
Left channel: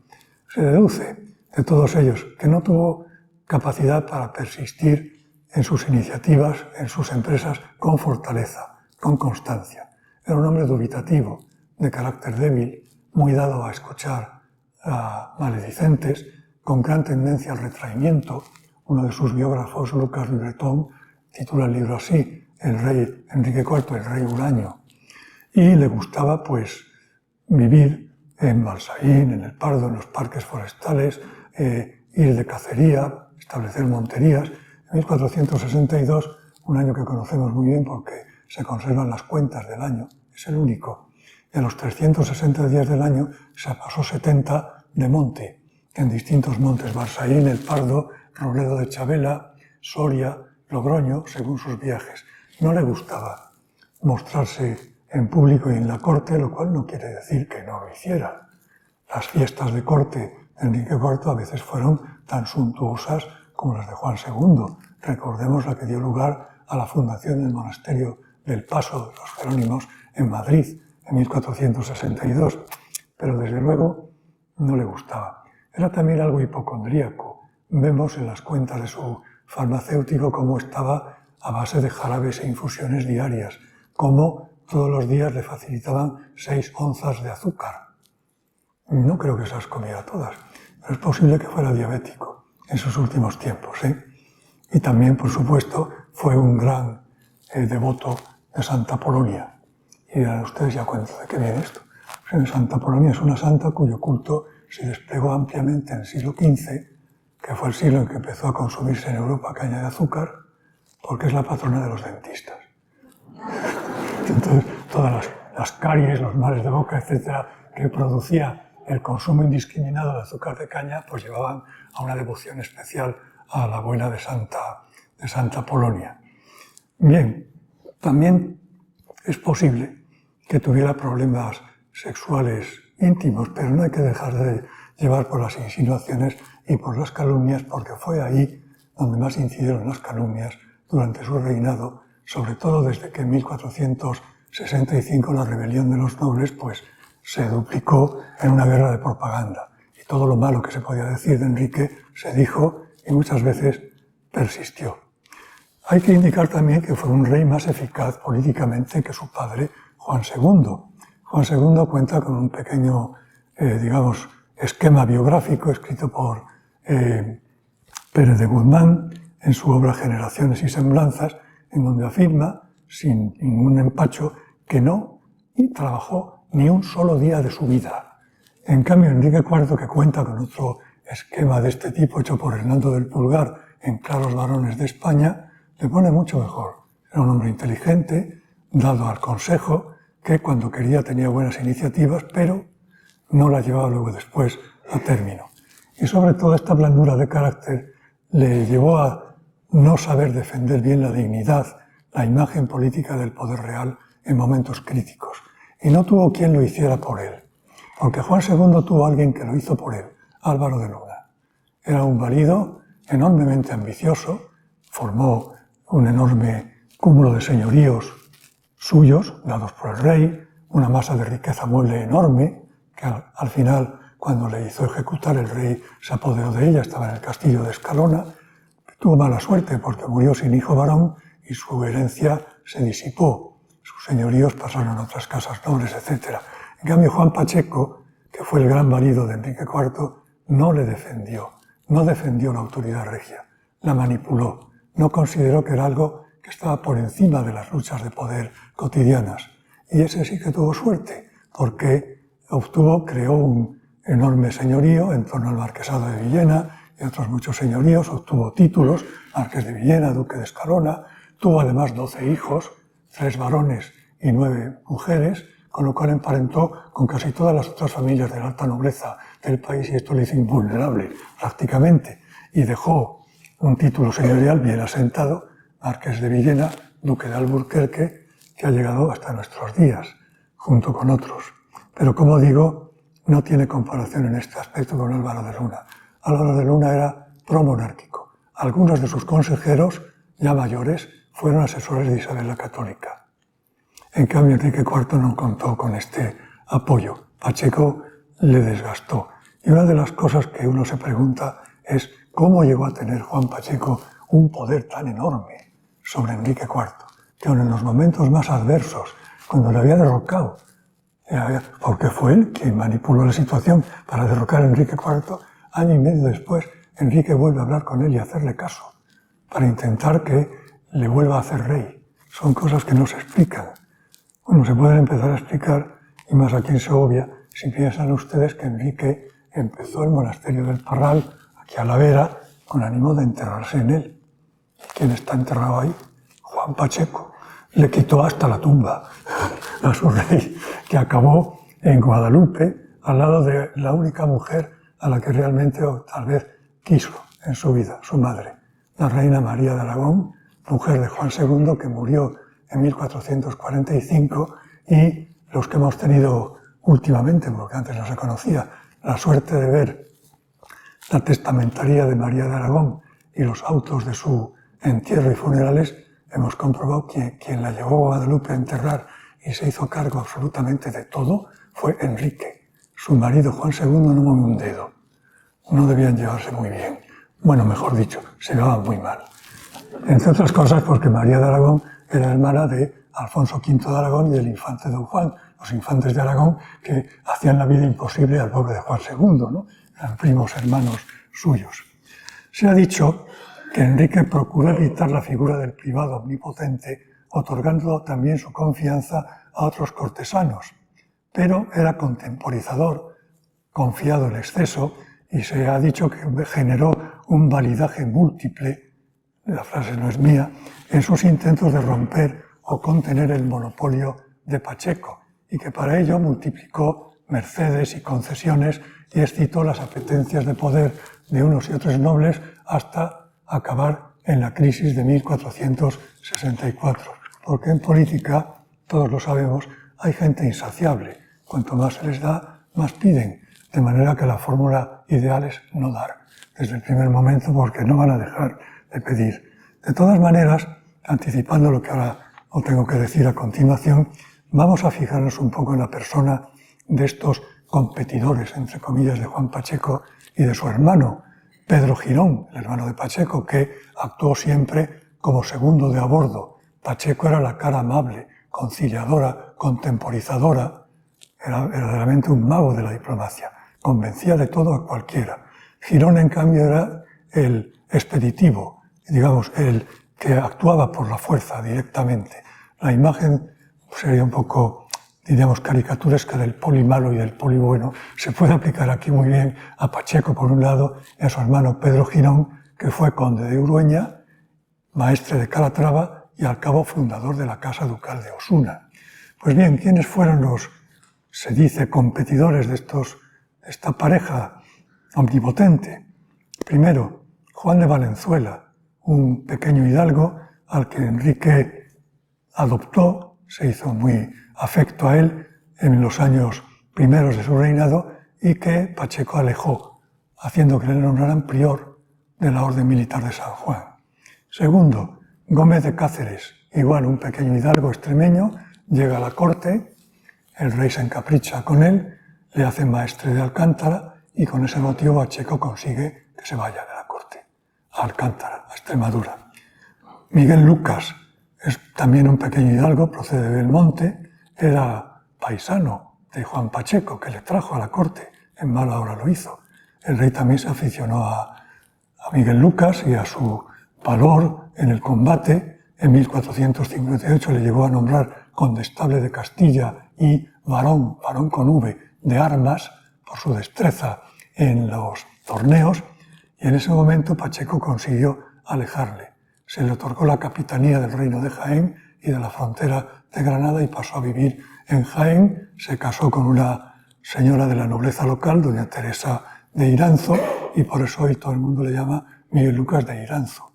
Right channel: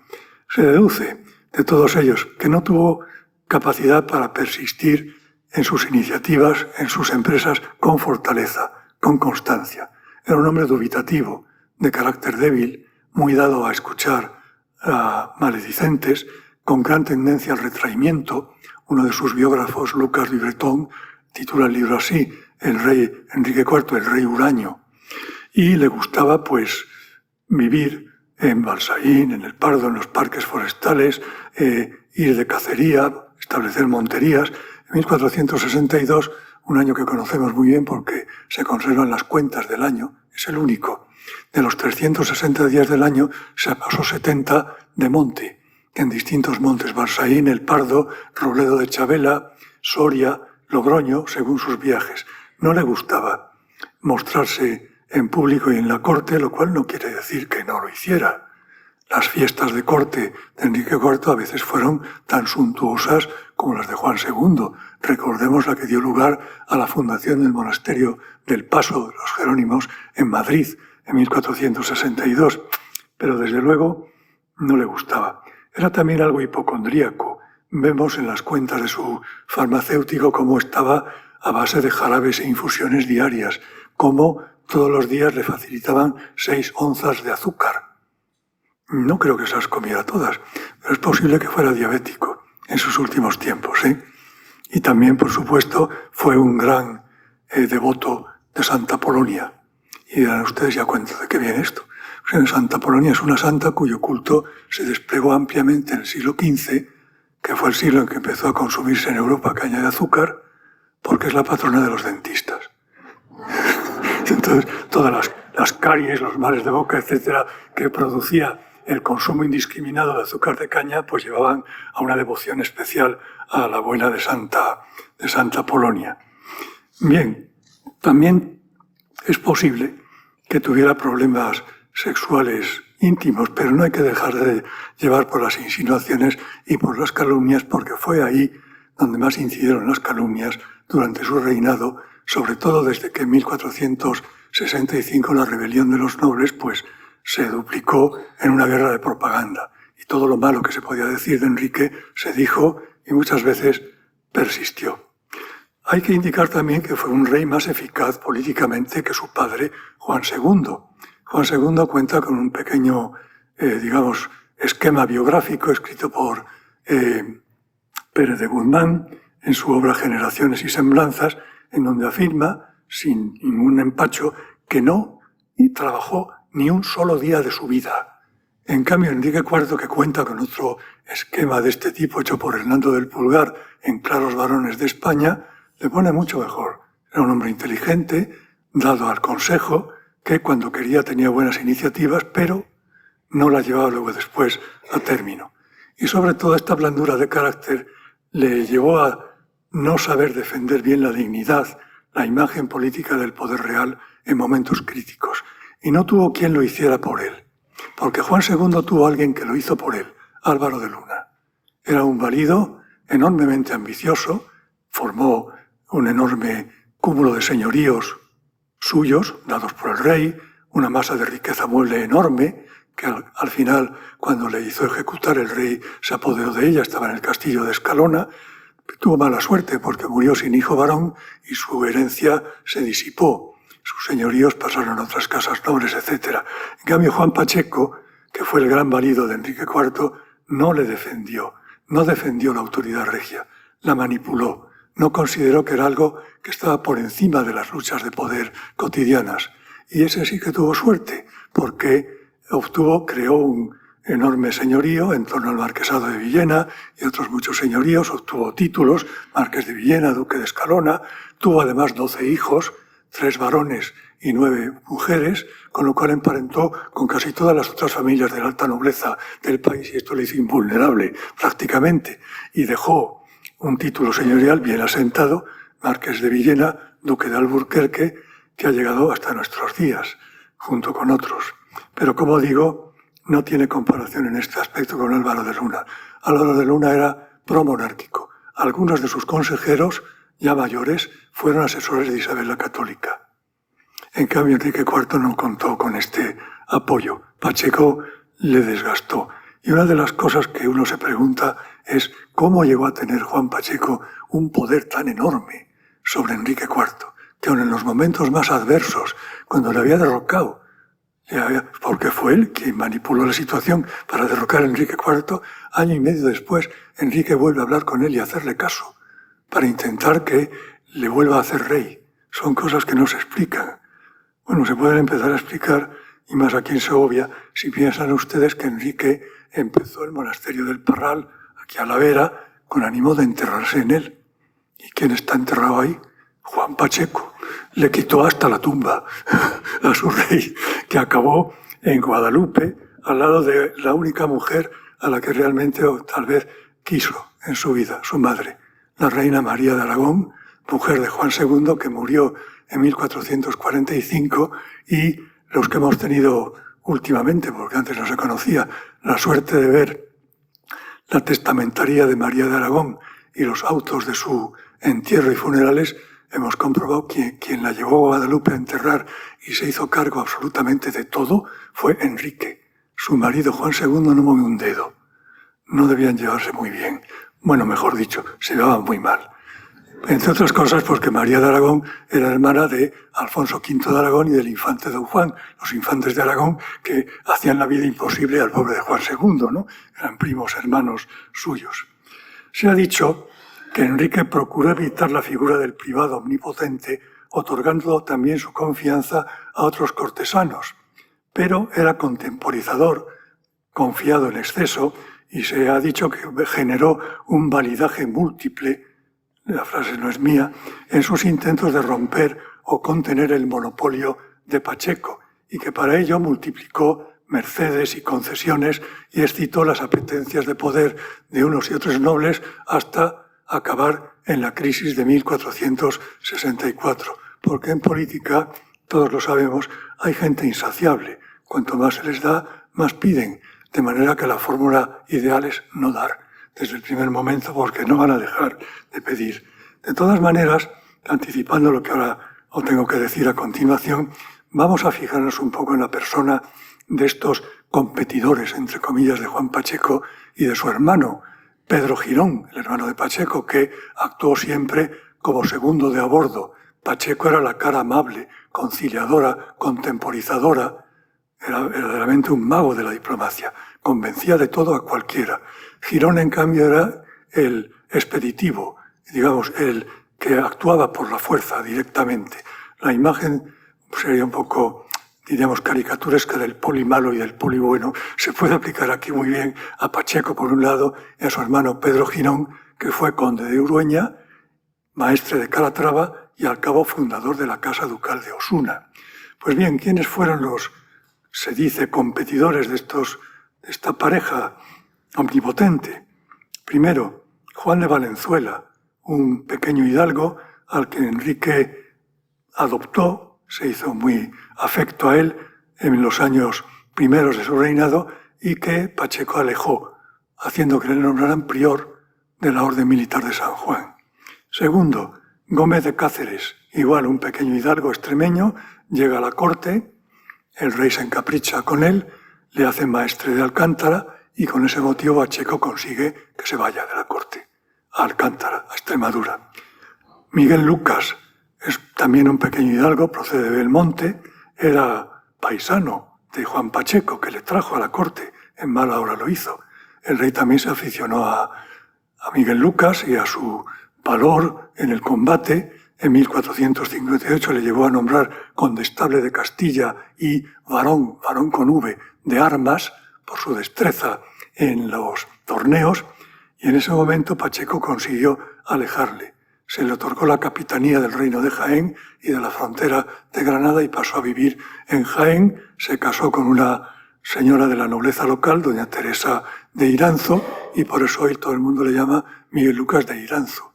Se deduce de todos ellos que no tuvo capacidad para persistir en sus iniciativas, en sus empresas, con fortaleza, con constancia. Era un hombre dubitativo, de carácter débil, muy dado a escuchar a maledicentes, con gran tendencia al retraimiento. Uno de sus biógrafos, Lucas de Bretón, titula el libro así, El rey Enrique IV, el rey huraño. Y le gustaba, pues, vivir en Balsaín, en el Pardo, en los parques forestales, ir de cacería, establecer monterías. En 1462, un año que conocemos muy bien porque se conservan las cuentas del año, es el único. De los 360 días del año se pasó 70 de monte, en distintos montes, Balsaín, El Pardo, Robledo de Chabela, Soria, Logroño, según sus viajes. No le gustaba mostrarse en público y en la corte, lo cual no quiere decir que no lo hiciera. Las fiestas de corte de Enrique IV a veces fueron tan suntuosas como las de Juan II. Recordemos la que dio lugar a la fundación del monasterio del Paso de los Jerónimos en Madrid en 1462. Pero desde luego no le gustaba. Era también algo hipocondríaco. Vemos en las cuentas de su farmacéutico cómo estaba a base de jarabes e infusiones diarias, cómo todos los días le facilitaban 6 onzas de azúcar. No creo que se las comiera todas, pero es posible que fuera diabético en sus últimos tiempos. Y también, por supuesto, fue un gran devoto de Santa Polonia. Y dirán ustedes, ¿ya cuenta de qué viene esto? Pues Santa Polonia es una santa cuyo culto se desplegó ampliamente en el siglo XV, que fue el siglo en que empezó a consumirse en Europa caña de azúcar, porque es la patrona de los dentistas. Entonces, todas las caries, los males de boca, etcétera, que producía el consumo indiscriminado de azúcar de caña, pues llevaban a una devoción especial a la abuela de Santa Polonia. Bien, también es posible que tuviera problemas sexuales íntimos, pero no hay que dejar de llevar por las insinuaciones y por las calumnias, porque fue ahí donde más incidieron las calumnias durante su reinado, sobre todo desde que en 1465 la rebelión de los nobles pues se duplicó en una guerra de propaganda. Y todo lo malo que se podía decir de Enrique se dijo y muchas veces persistió. Hay que indicar también que fue un rey más eficaz políticamente que su padre, Juan II. Juan II cuenta con un pequeño, esquema biográfico escrito por Pérez de Guzmán en su obra Generaciones y Semblanzas, en donde afirma, sin ningún empacho, que no trabajó ni un solo día de su vida. En cambio, Enrique IV, que cuenta con otro esquema de este tipo hecho por Hernando del Pulgar en Claros Varones de España, le pone mucho mejor. Era un hombre inteligente, dado al consejo, que cuando quería tenía buenas iniciativas, pero no las llevaba luego después a término. Y sobre todo esta blandura de carácter le llevó a no saber defender bien la dignidad, la imagen política del poder real en momentos críticos. Y no tuvo quien lo hiciera por él, porque Juan II tuvo a alguien que lo hizo por él, Álvaro de Luna. Era un valido enormemente ambicioso, formó un enorme cúmulo de señoríos suyos, dados por el rey, una masa de riqueza mueble enorme, que al final, cuando le hizo ejecutar, el rey se apoderó de ella, estaba en el castillo de Escalona, tuvo mala suerte porque murió sin hijo varón y su herencia se disipó. Sus señoríos pasaron a otras casas nobles, etc. En cambio, Juan Pacheco, que fue el gran marido de Enrique IV, no le defendió, no defendió la autoridad regia, la manipuló, no consideró que era algo que estaba por encima de las luchas de poder cotidianas. Y ese sí que tuvo suerte, porque creó un enorme señorío en torno al marquesado de Villena y otros muchos señoríos, obtuvo títulos, marqués de Villena, duque de Escalona, tuvo además 12 hijos, 3 varones y 9 mujeres, con lo cual emparentó con casi todas las otras familias de la alta nobleza del país y esto le hizo invulnerable prácticamente, y dejó un título señorial bien asentado, marqués de Villena, duque de Alburquerque, que ha llegado hasta nuestros días, junto con otros. Pero como digo, no tiene comparación en este aspecto con Álvaro de Luna. Álvaro de Luna era promonárquico. Algunos de sus consejeros, ya mayores, fueron asesores de Isabel la Católica. En cambio, Enrique IV no contó con este apoyo. Pacheco le desgastó. Y una de las cosas que uno se pregunta es cómo llegó a tener Juan Pacheco un poder tan enorme sobre Enrique IV, que aun en los momentos más adversos, cuando le había derrocado, porque fue él quien manipuló la situación para derrocar a Enrique IV, año y medio después, Enrique vuelve a hablar con él y a hacerle caso, para intentar que le vuelva a hacer rey. Son cosas que no se explican. Bueno, se pueden empezar a explicar, y más aquí en Segovia, si piensan ustedes que Enrique empezó el monasterio del Parral, aquí a la vera, con ánimo de enterrarse en él. ¿Y quién está enterrado ahí? Juan Pacheco. Le quitó hasta la tumba a su rey, que acabó en Guadalupe, al lado de la única mujer a la que realmente, o tal vez, quiso en su vida, su madre, la reina María de Aragón, mujer de Juan II, que murió en 1445, y los que hemos tenido últimamente, porque antes no se conocía, la suerte de ver la testamentaría de María de Aragón y los autos de su entierro y funerales, hemos comprobado que quien la llevó a Guadalupe a enterrar y se hizo cargo absolutamente de todo fue Enrique. Su marido Juan II no movió un dedo. No debían llevarse muy bien. Bueno, mejor dicho, se llevaban muy mal. Entre otras cosas porque María de Aragón era hermana de Alfonso V de Aragón y del infante don Juan, los infantes de Aragón que hacían la vida imposible al pobre de Juan II, ¿no? Eran primos hermanos suyos. Se ha dicho que Enrique procuró evitar la figura del privado omnipotente, otorgando también su confianza a otros cortesanos, pero era contemporizador, confiado en exceso, y se ha dicho que generó un validaje múltiple, la frase no es mía, en sus intentos de romper o contener el monopolio de Pacheco, y que para ello multiplicó mercedes y concesiones y excitó las apetencias de poder de unos y otros nobles hasta acabar en la crisis de 1464. Porque en política, todos lo sabemos, hay gente insaciable. Cuanto más se les da, más piden. De manera que la fórmula ideal es no dar desde el primer momento porque no van a dejar de pedir. De todas maneras, anticipando lo que ahora os tengo que decir a continuación, vamos a fijarnos un poco en la persona de estos competidores, entre comillas, de Juan Pacheco y de su hermano, Pedro Girón, el hermano de Pacheco, que actuó siempre como segundo de a bordo. Pacheco era la cara amable, conciliadora, contemporizadora, era verdaderamente un mago de la diplomacia, convencía de todo a cualquiera. Girón, en cambio, era el expeditivo, digamos, el que actuaba por la fuerza directamente. La imagen sería un poco, diríamos, caricaturesca del poli malo y del poli bueno. Se puede aplicar aquí muy bien a Pacheco, por un lado, y a su hermano Pedro Girón, que fue conde de Urueña, maestre de Calatrava y al cabo fundador de la Casa Ducal de Osuna. Pues bien, ¿quiénes fueron los, se dice, competidores de esta pareja omnipotente? Primero, Juan de Valenzuela, un pequeño hidalgo al que Enrique adoptó, se hizo muy afecto a él en los años primeros de su reinado y que Pacheco alejó, haciendo que le nombraran prior de la Orden Militar de San Juan. Segundo, Gómez de Cáceres, igual un pequeño hidalgo extremeño, llega a la corte, el rey se encapricha con él, le hace maestre de Alcántara y con ese motivo Pacheco consigue que se vaya de la corte. a Alcántara, a Extremadura. Miguel Lucas es también un pequeño hidalgo, procede de Belmonte, era paisano de Juan Pacheco, que le trajo a la corte, en mala hora lo hizo. El rey también se aficionó a Miguel Lucas y a su valor en el combate. En 1458 le llevó a nombrar condestable de Castilla y varón con V, de armas, por su destreza en los torneos, y en ese momento Pacheco consiguió alejarle. Se le otorgó la capitanía del reino de Jaén y de la frontera de Granada y pasó a vivir en Jaén. Se casó con una señora de la nobleza local, doña Teresa de Iranzo, y por eso hoy todo el mundo le llama Miguel Lucas de Iranzo.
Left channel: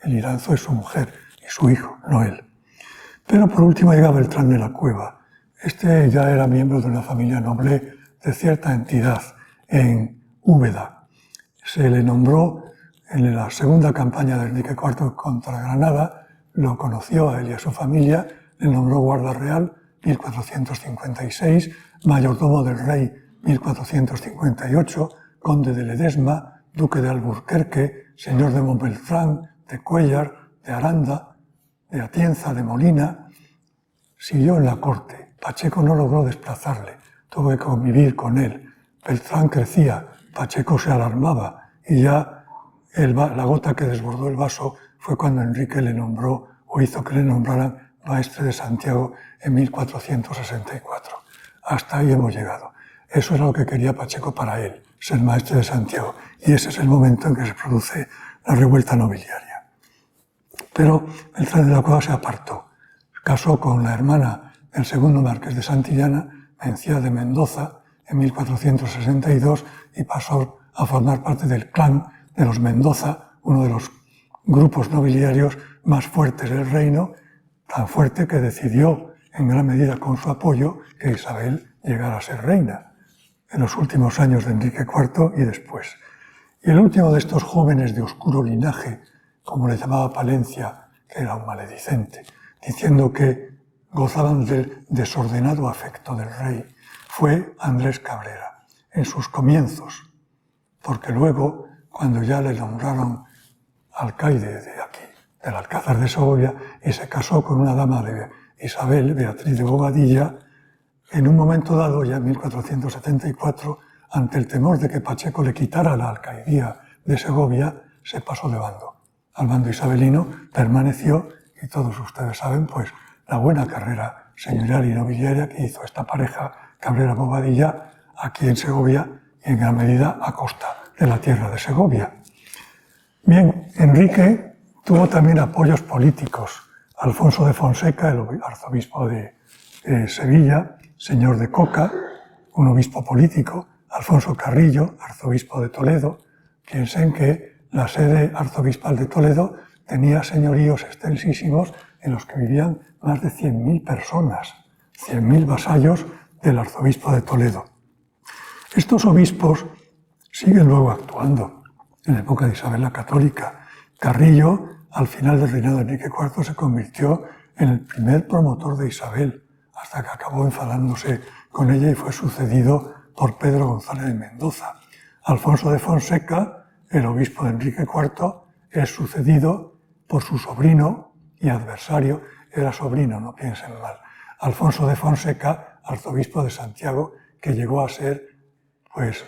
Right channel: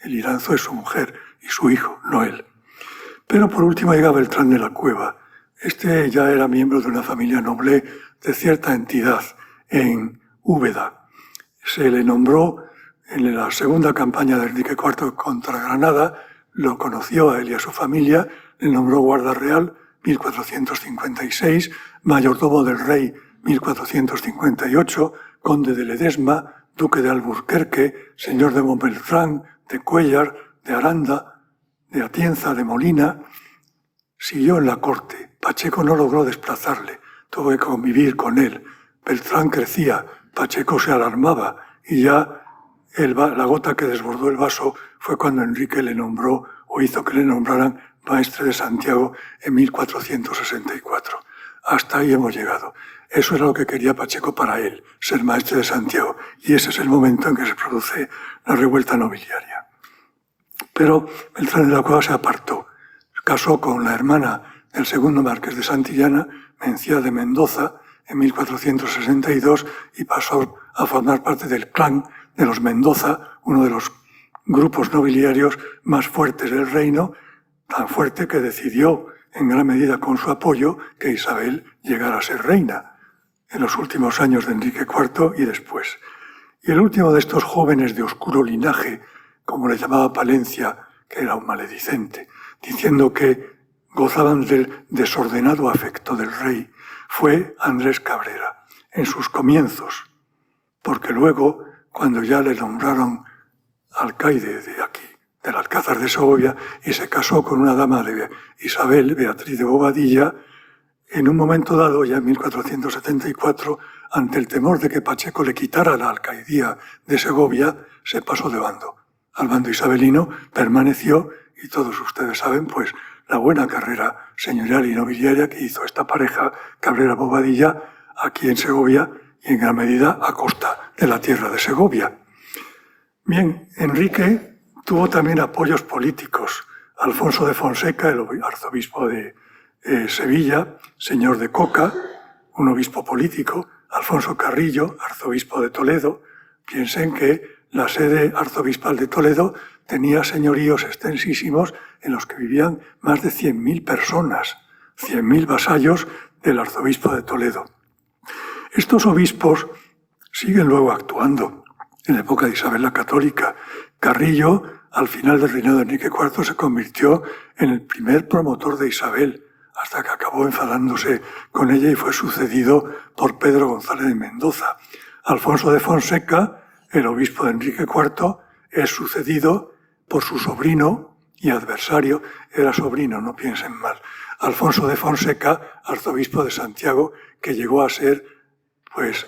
El Iranzo es su mujer y su hijo, no él. Pero por último llega Beltrán de la Cueva. Este ya era miembro de una familia noble de cierta entidad en Úbeda. Se le nombró en la segunda campaña de Enrique IV contra Granada, lo conoció a él y a su familia, le nombró guarda real 1456, mayordomo del rey 1458, conde de Ledesma, duque de Alburquerque, señor de Montbeltrán, de Cuéllar, de Aranda, de Atienza, de Molina. Siguió en la corte. Pacheco no logró desplazarle, tuvo que convivir con él. Beltrán crecía, Pacheco se alarmaba y ya la gota que desbordó el vaso fue cuando Enrique le nombró o hizo que le nombraran maestre de Santiago en 1464. Hasta ahí hemos llegado. Eso era lo que quería Pacheco para él, ser maestre de Santiago. Y ese es el momento en que se produce la revuelta nobiliaria. Pero Beltrán de la Cueva se apartó. Casó con la hermana del segundo marqués de Santillana, Mencía de Mendoza, en 1462 y pasó a formar parte del clan de los Mendoza, uno de los grupos nobiliarios más fuertes del reino, tan fuerte que decidió, en gran medida con su apoyo, que Isabel llegara a ser reina en los últimos años de Enrique IV y después. Y el último de estos jóvenes de oscuro linaje, como le llamaba Palencia, que era un maledicente, diciendo que gozaban del desordenado afecto del rey, fue Andrés Cabrera, en sus comienzos, porque luego, cuando ya le nombraron alcaide de aquí, del Alcázar de Segovia, y se casó con una dama de Isabel, Beatriz de Bobadilla, en un momento dado, ya en 1474, ante el temor de que Pacheco le quitara la alcaidía de Segovia, se pasó de bando. Al bando isabelino permaneció, y todos ustedes saben, pues, la buena carrera señorial y nobiliaria que hizo esta pareja Cabrera-Bobadilla aquí en Segovia y en gran medida a costa de la tierra de Segovia. Bien, Enrique tuvo también apoyos políticos. Alfonso de Fonseca, el arzobispo de Sevilla, señor de Coca, un obispo político, Alfonso Carrillo, arzobispo de Toledo. Piensen que la sede arzobispal de Toledo tenía señoríos extensísimos en los que vivían más de 100.000 personas, 100.000 vasallos del arzobispo de Toledo. Estos obispos siguen luego actuando en la época de Isabel la Católica. Carrillo, al final del reinado de Enrique IV, se convirtió en el primer promotor de Isabel, hasta que acabó enfadándose con ella y fue sucedido por Pedro González de Mendoza. Alfonso de Fonseca, el obispo de Enrique IV, es sucedido por su sobrino y adversario, era sobrino, no piensen mal, Alfonso de Fonseca, arzobispo de Santiago, que llegó a ser, pues,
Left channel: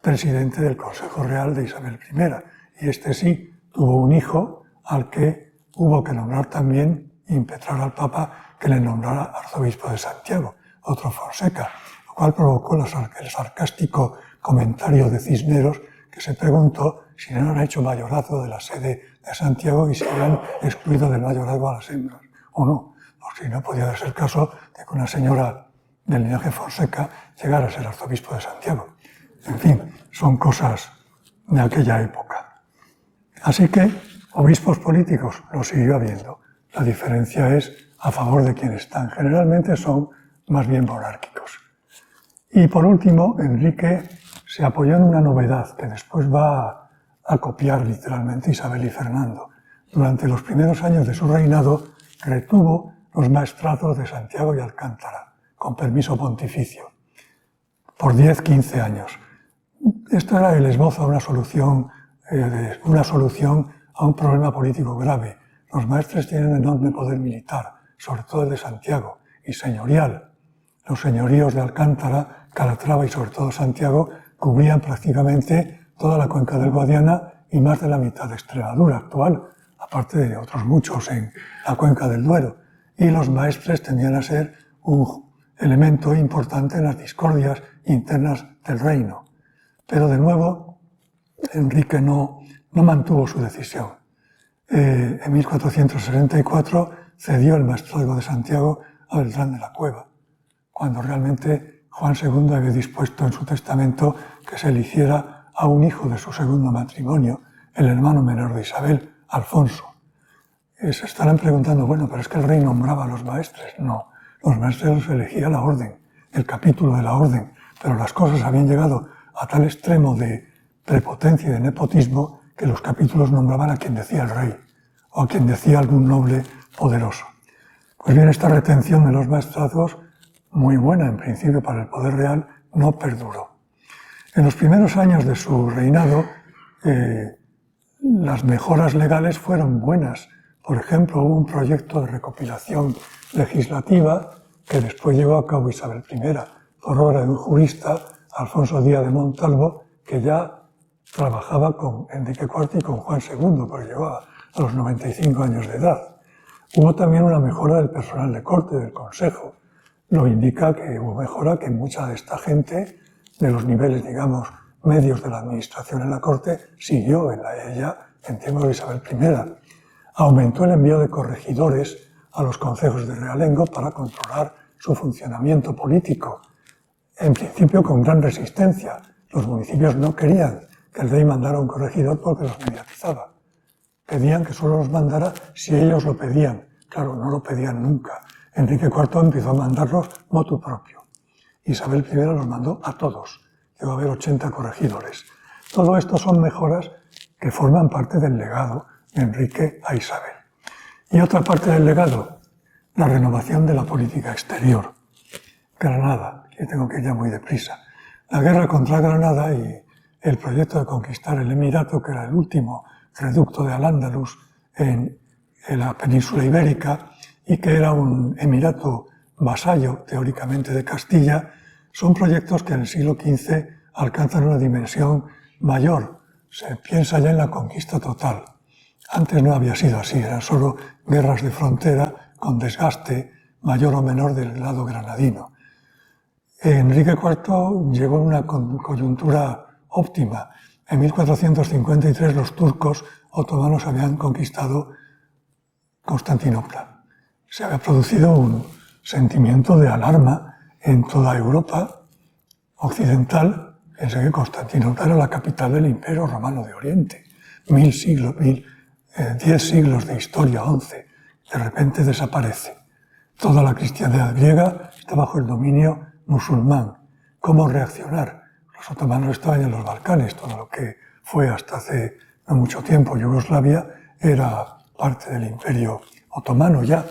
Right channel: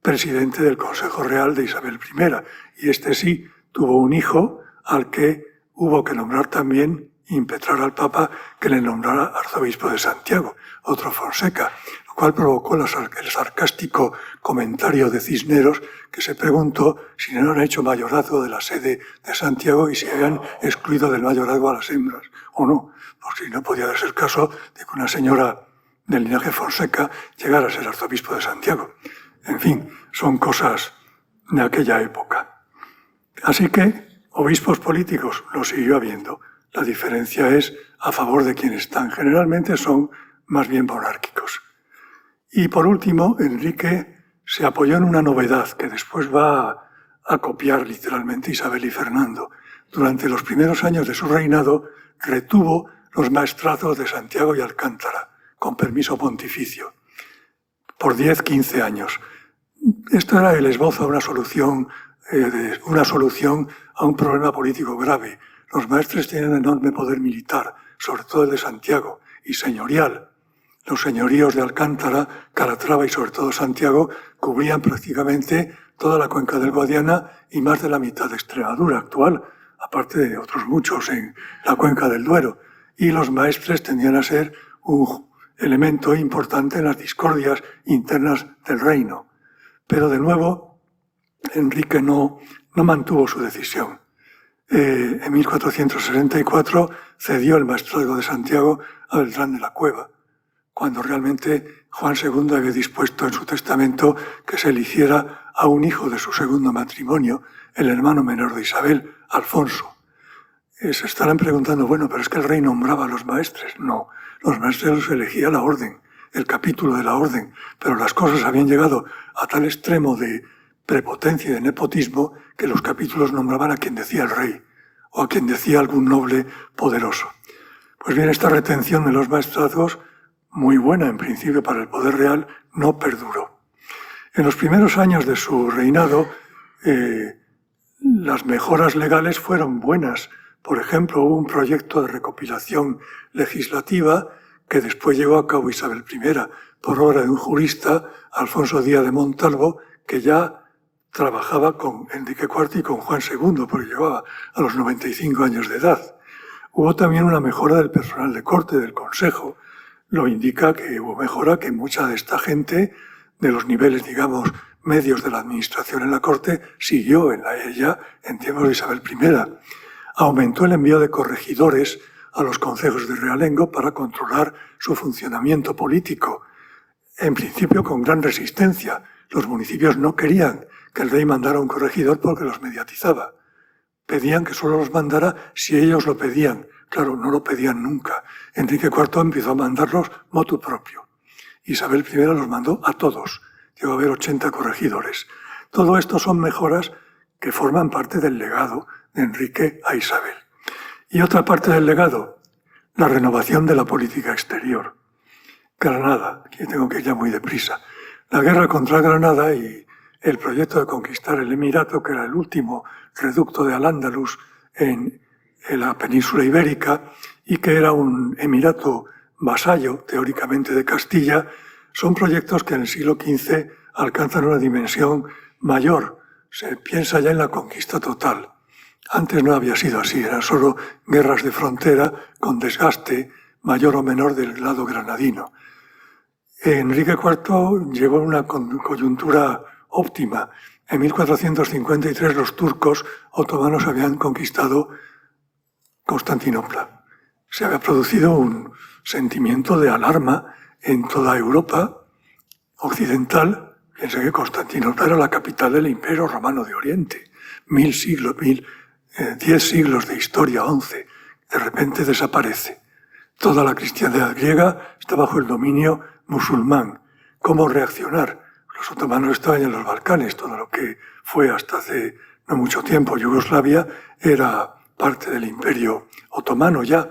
presidente del Consejo Real de Isabel I. Y este sí tuvo un hijo al que hubo que nombrar también, impetrar al Papa que le nombrara arzobispo de Santiago, otro Fonseca, lo cual provocó el sarcástico comentario de Cisneros, que se preguntó si no han hecho mayorazgo de la sede de Santiago y si habían excluido del mayorazgo a las hembras, o no, porque si no podía darse el caso de que una señora del linaje Fonseca llegara a ser arzobispo de Santiago. En fin, son cosas de aquella época. Así que obispos políticos los siguió habiendo. La diferencia es a favor de quienes están. Generalmente son más bien monárquicos. Y por último, Enrique se apoyó en una novedad que después va a copiar literalmente Isabel y Fernando. Durante los primeros años de su reinado retuvo los maestrazgos de Santiago y Alcántara, con permiso pontificio, por 10-15 años. Esto era el esbozo de una solución una solución a un problema político grave. Los maestres tienen un enorme poder militar, sobre todo el de Santiago, y señorial. Los señoríos de Alcántara, Calatrava y sobre todo Santiago cubrían prácticamente toda la cuenca del Guadiana y más de la mitad de Extremadura actual, aparte de otros muchos en la cuenca del Duero. Y los maestres tendían a ser un elemento importante en las discordias internas del reino. Pero de nuevo, Enrique no mantuvo su decisión. En 1464 cedió el maestrazgo de Santiago a Beltrán de la Cueva, cuando realmente Juan II había dispuesto en su testamento que se le hiciera a un hijo de su segundo matrimonio, el hermano menor de Isabel, Alfonso. Se estarán preguntando, bueno, pero es que el rey nombraba a los maestres. No, los maestres los elegía la orden, el capítulo de la orden, pero las cosas habían llegado a tal extremo de prepotencia y de nepotismo que los capítulos nombraban a quien decía el rey o a quien decía algún noble poderoso. Pues bien, esta retención de los maestrazgos, muy buena en principio para el poder real, no perduró. En los primeros años de su reinado, las mejoras legales fueron buenas. Por ejemplo, hubo un proyecto de recopilación legislativa que después llevó a cabo Isabel I, por obra de un jurista, Alfonso Díaz de Montalvo, que ya trabajaba con Enrique IV y con Juan II, porque llegaba a los 95 años de edad. Hubo también una mejora del personal de corte, del consejo. Lo indica que hubo mejora, que mucha de esta gente, de los niveles, digamos, medios de la administración en la corte, siguió en ella en tiempos de Isabel I. Aumentó el envío de corregidores a los concejos de realengo para controlar su funcionamiento político. En principio con gran resistencia. Los municipios no querían que el rey mandara un corregidor porque los mediatizaba. Pedían que solo los mandara si ellos lo pedían. Claro, no lo pedían nunca. Enrique IV empezó a mandarlos motu propio. Isabel I los mandó a todos. Llegó a haber 80 corregidores. Todo esto son mejoras que forman parte del legado de Enrique a Isabel. Y otra parte del legado, la renovación de la política exterior. Granada, aquí tengo que ir ya muy deprisa. La guerra contra Granada y el proyecto de conquistar el Emirato, que era el último reducto de Al-Ándalus en la península ibérica y que era un emirato vasallo, teóricamente, de Castilla, son proyectos que en el siglo XV alcanzan una dimensión mayor. Se piensa ya en la conquista total. Antes no había sido así, eran solo guerras de frontera con desgaste mayor o menor del lado granadino. Enrique IV llegó a una coyuntura óptima. En 1453 los turcos otomanos habían conquistado Constantinopla. Se había producido un sentimiento de alarma en toda Europa occidental. Pensé que Constantinopla era la capital del Imperio Romano de Oriente. 10 siglos de historia, 11, de repente desaparece. Toda la cristiandad griega está bajo el dominio musulmán. ¿Cómo reaccionar? Los otomanos estaban en los Balcanes, todo lo que fue hasta hace no mucho tiempo Yugoslavia era parte del Imperio Otomano ya.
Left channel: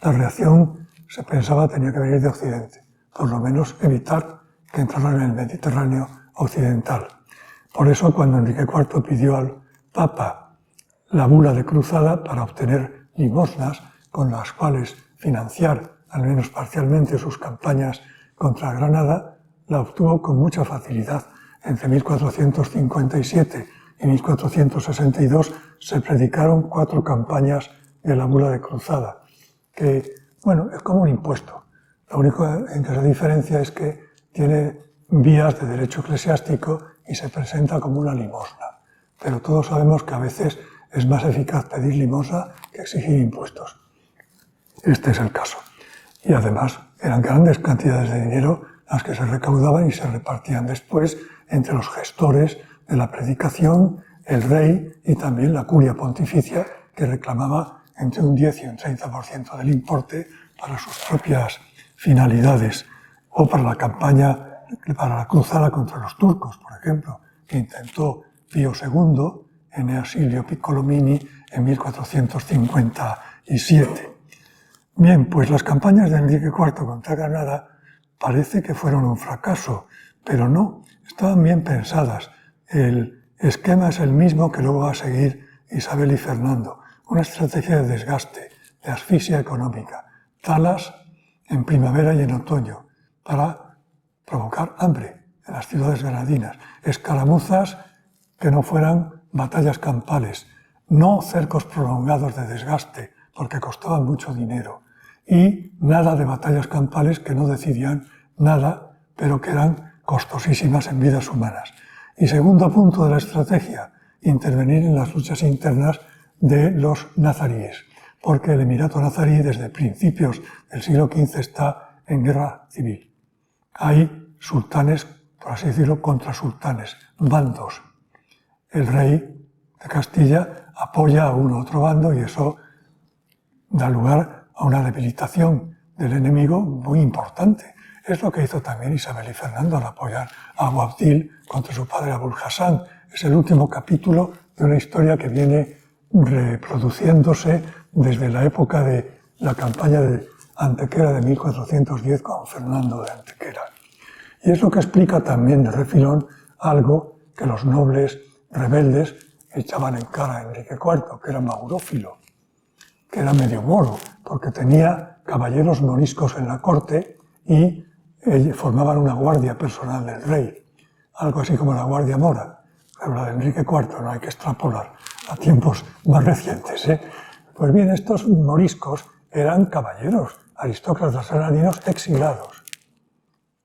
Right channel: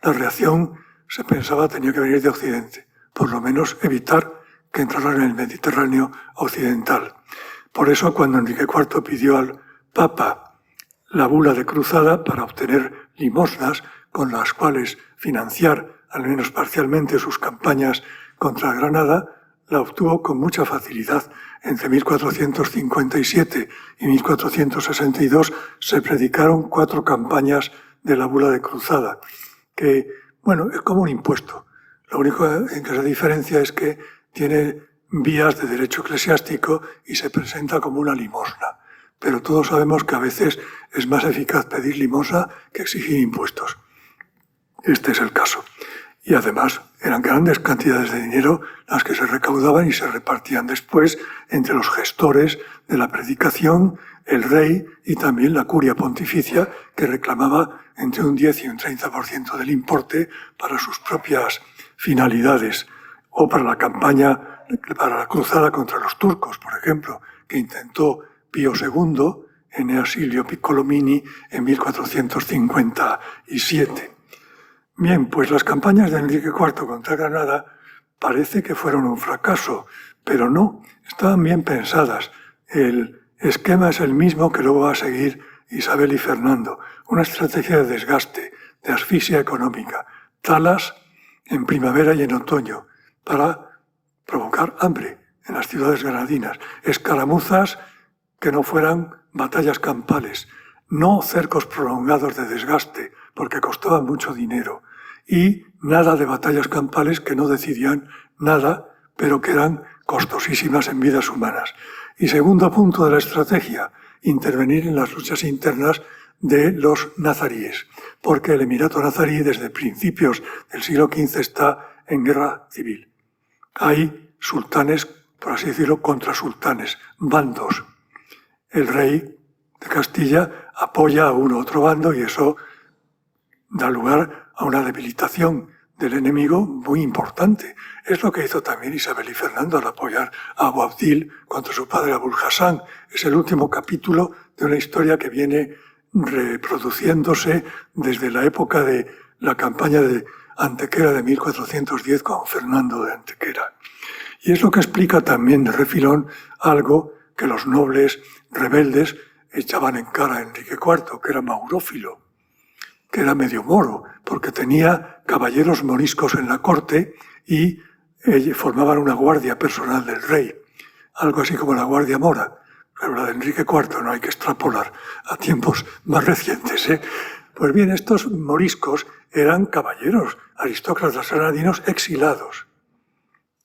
La reacción, se pensaba, tenía que venir de Occidente, por lo menos evitar que entraran en el Mediterráneo occidental. Por eso, cuando Enrique IV pidió al Papa la bula de cruzada para obtener limosnas con las cuales financiar, al menos parcialmente, sus campañas contra Granada, la obtuvo con mucha facilidad. Entre 1457 y 1462 se predicaron 4 campañas de la bula de cruzada, que, bueno, es como un impuesto. Lo único en que se diferencia es que tiene vías de derecho eclesiástico y se presenta como una limosna. Pero todos sabemos que a veces es más eficaz pedir limosna que exigir impuestos. Este es el caso. Y además eran grandes cantidades de dinero las que se recaudaban y se repartían después entre los gestores de la predicación, el rey y también la curia pontificia, que reclamaba entre un 10 y un 30% del importe para sus propias finalidades, o para la campaña, para la cruzada contra los turcos, por ejemplo, que intentó Pío II en Asilio Piccolomini en 1457. Bien, pues las campañas de Enrique IV contra Granada parece que fueron un fracaso, pero no, estaban bien pensadas. El esquema es el mismo que luego va a seguir Isabel y Fernando. Una estrategia de desgaste, de asfixia económica, talas en primavera y en otoño para provocar hambre en las ciudades granadinas, escaramuzas que no fueran batallas campales, no cercos prolongados de desgaste porque costaban mucho dinero y nada de batallas campales que no decidían nada pero que eran costosísimas en vidas humanas. Y segundo punto de la estrategia, intervenir en las luchas internas de los nazaríes, porque el Emirato nazarí desde principios del siglo XV está en guerra civil. Hay sultanes, por así decirlo, contra sultanes, bandos. El rey de Castilla apoya a uno u otro bando y eso da lugar a una debilitación del enemigo muy importante. Es lo que hizo también Isabel y Fernando al apoyar a Abu Abdil contra su padre Abul Hassan. Es el último capítulo de una historia que viene reproduciéndose desde la época de la campaña de Antequera de 1410 con Fernando de Antequera. Y es lo que explica también de refilón algo que los nobles rebeldes echaban en cara a Enrique IV, que era maurófilo, que era medio moro, porque tenía caballeros moriscos en la corte y formaban una guardia personal del rey, algo así como la Guardia Mora. Pero la de Enrique IV no hay que extrapolar a tiempos más recientes. Pues bien, estos moriscos eran caballeros, aristócratas granadinos exilados,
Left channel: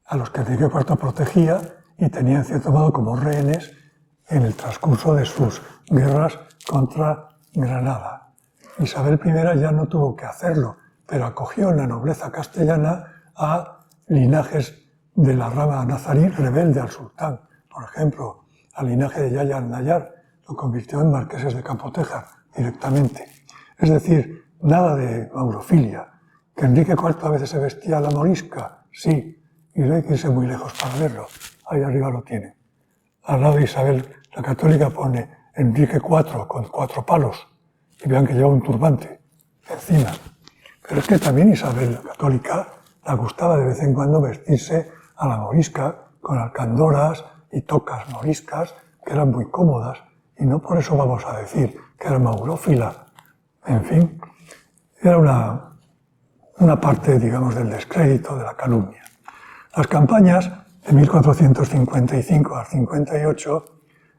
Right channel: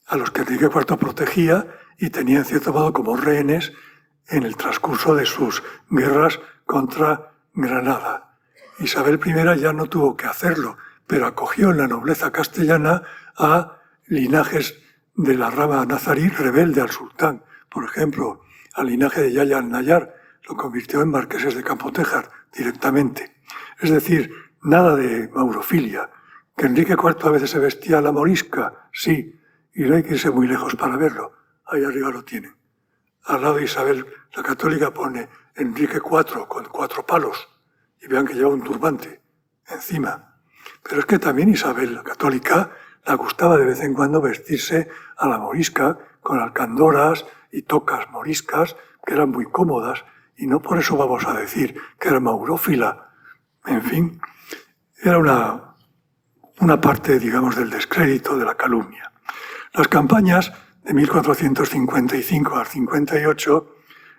a los que Enrique IV protegía y tenía en cierto modo como rehenes en el transcurso de sus guerras contra Granada. Isabel I ya no tuvo que hacerlo, pero acogió en la nobleza castellana a linajes de la rama nazarí rebelde al sultán. Por ejemplo, al linaje de Yahya al-Nayar lo convirtió en marqueses de Campotejar directamente. Es decir, nada de maurofilia. Que Enrique IV a veces se vestía a la morisca, sí, y no hay que irse muy lejos para verlo. Ahí arriba lo tienen. Al lado de Isabel la católica pone Enrique IV con 4 palos y vean que lleva un turbante encima. Pero es que también Isabel la católica le gustaba de vez en cuando vestirse a la morisca con alcandoras y tocas moriscas que eran muy cómodas y no por eso vamos a decir que era maurófila. En fin, era una parte, digamos, del descrédito, de la calumnia. Las campañas de 1455 al 58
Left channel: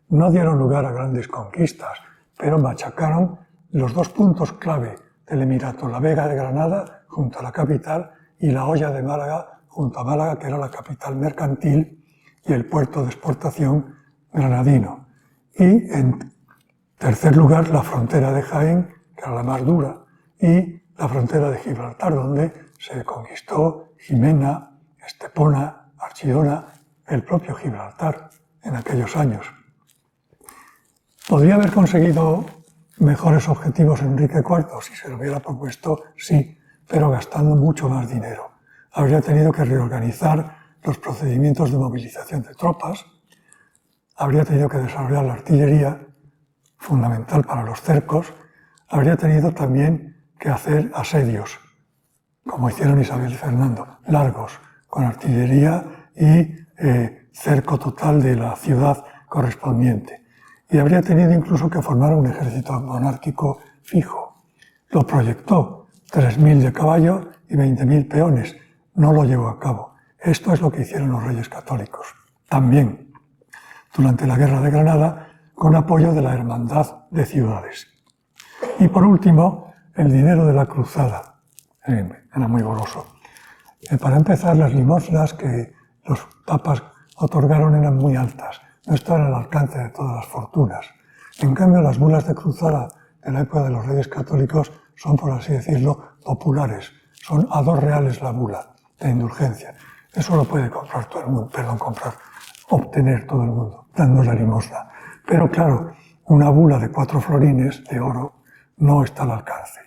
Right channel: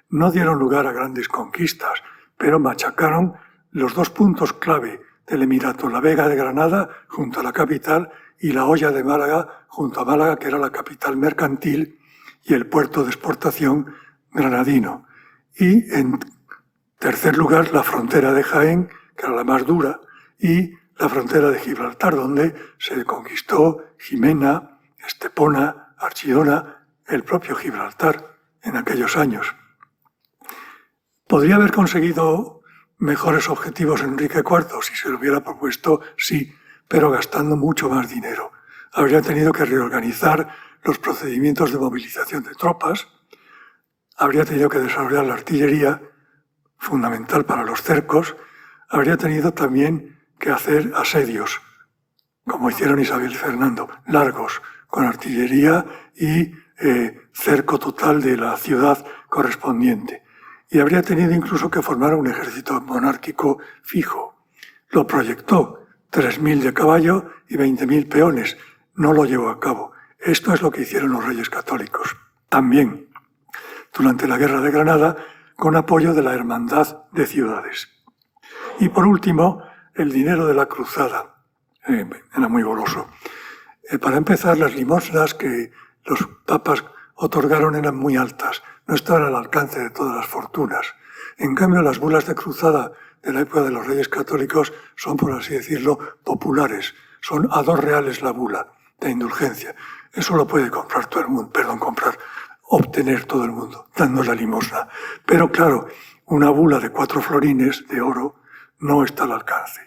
no dieron lugar a grandes conquistas, pero machacaron los 2 puntos clave del Emirato, la Vega de Granada junto a la capital y la Hoya de Málaga junto a Málaga, que era la capital mercantil y el puerto de exportación granadino. Y en tercer lugar, la frontera de Jaén, que era la más dura, y la frontera de Gibraltar, donde se conquistó Jimena, Estepona, Archidona, el propio Gibraltar en aquellos años. ¿Podría haber conseguido mejores objetivos Enrique IV si se lo hubiera propuesto? Sí, pero gastando mucho más dinero. Habría tenido que reorganizar los procedimientos de movilización de tropas, habría tenido que desarrollar la artillería, fundamental para los cercos, habría tenido también que hacer asedios, como hicieron Isabel y Fernando, largos, con artillería y cerco total de la ciudad correspondiente. Y habría tenido incluso que formar un ejército monárquico fijo. Lo proyectó, 3.000 de caballo y 20.000 peones. No lo llevó a cabo. Esto es lo que hicieron los reyes católicos. También, durante la Guerra de Granada, con apoyo de la Hermandad de Ciudades. Y por último, el dinero de la cruzada. Era muy goloso. Para empezar, las limosnas que los papas otorgaron eran muy altas, no estaban al alcance de todas las fortunas. En cambio, las bulas de cruzada de la época de los reyes católicos son, por así decirlo, populares. Son a 2 reales la bula de indulgencia. Eso lo puede comprar todo el mundo, obtener todo el mundo, dando la limosna. Pero claro, una bula de 4 florines de oro no está al alcance.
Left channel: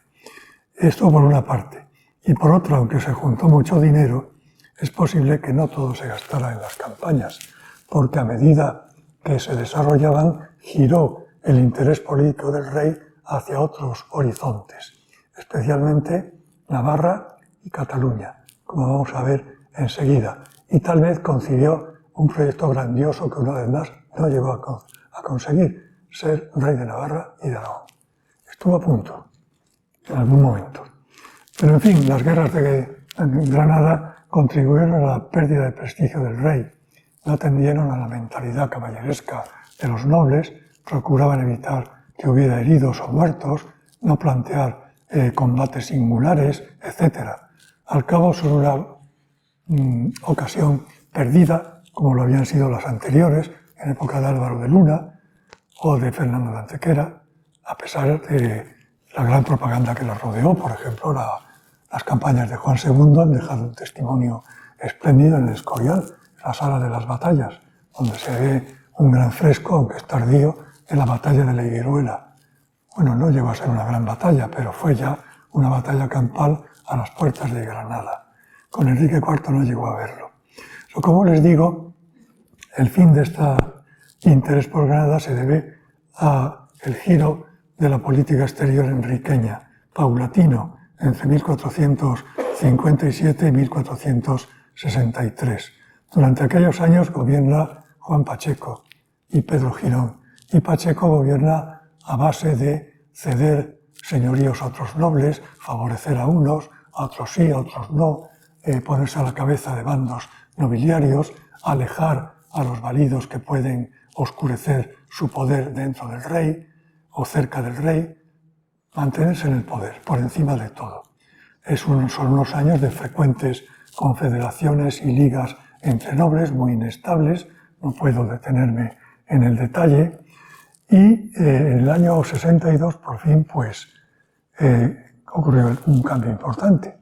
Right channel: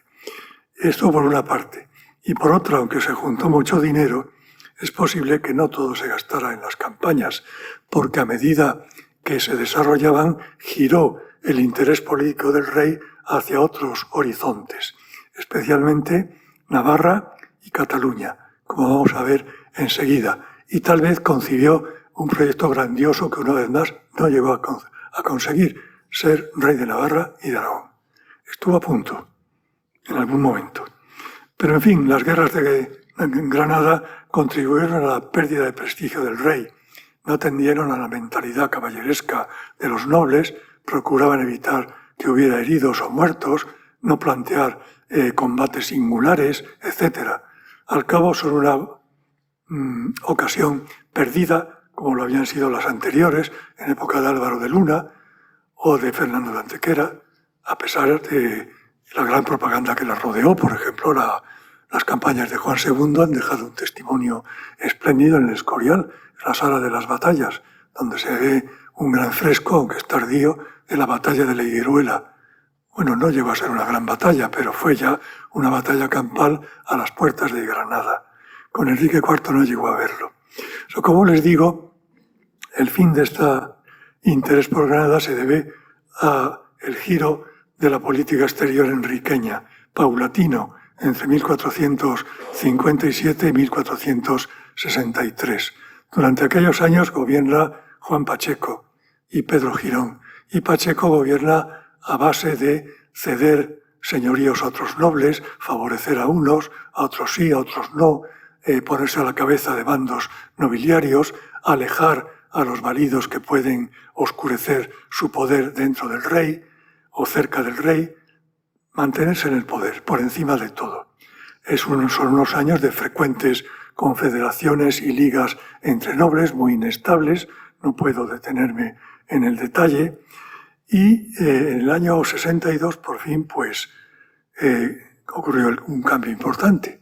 Esto por una parte. Y por otra, aunque se juntó mucho dinero, es posible que no todo se gastara en las campañas, porque a medida que se desarrollaban, giró el interés político del rey hacia otros horizontes, especialmente Navarra y Cataluña, como vamos a ver enseguida. Y tal vez concibió un proyecto grandioso que una vez más no llegó a conseguir ser rey de Navarra y de Aragón. Estuvo a punto, en algún momento. Pero en fin, las guerras de Granada contribuyeron a la pérdida de prestigio del rey. No atendieron a la mentalidad caballeresca de los nobles, procuraban evitar que hubiera heridos o muertos, no plantear combates singulares, etc. Al cabo son una ocasión perdida, como lo habían sido las anteriores, en época de Álvaro de Luna o de Fernando de Antequera, a pesar de la gran propaganda que las rodeó. Por ejemplo, las campañas de Juan II han dejado un testimonio espléndido en el Escorial, la sala de las batallas, donde se ve un gran fresco, aunque es tardío, de la batalla de la Higueruela. Bueno, no llegó a ser una gran batalla, pero fue ya una batalla campal a las puertas de Granada. Con Enrique IV no llegó a verlo. Como les digo, el fin de este interés por Granada se debe al giro de la política exterior enriqueña, paulatino, entre 1457 y 1463. Durante aquellos años gobierna Juan Pacheco y Pedro Girón, y Pacheco gobierna a base de ceder señoríos a otros nobles, favorecer a unos, a otros sí, a otros no, ponerse a la cabeza de bandos nobiliarios, alejar a los validos que pueden oscurecer su poder dentro del rey o cerca del rey, mantenerse en el poder, por encima de todo. Son unos años de frecuentes confederaciones y ligas entre nobles muy inestables, no puedo detenerme en el detalle, y en el año 62 por fin ocurrió un cambio importante.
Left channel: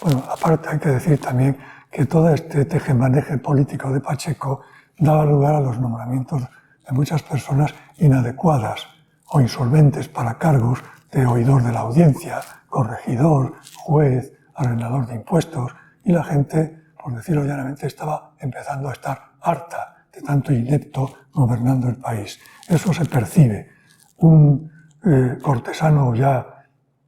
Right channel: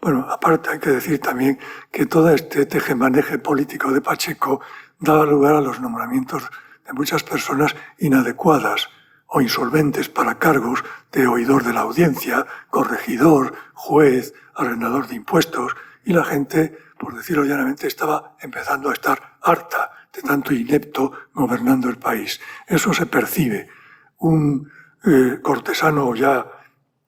Bueno, aparte hay que decir también que todo este tejemaneje político de Pacheco daba lugar a los nombramientos de muchas personas inadecuadas o insolventes para cargos de oidor de la audiencia, corregidor, juez, arrendador de impuestos, y la gente, por decirlo llanamente, estaba empezando a estar harta de tanto inepto gobernando el país. Eso se percibe. Un cortesano ya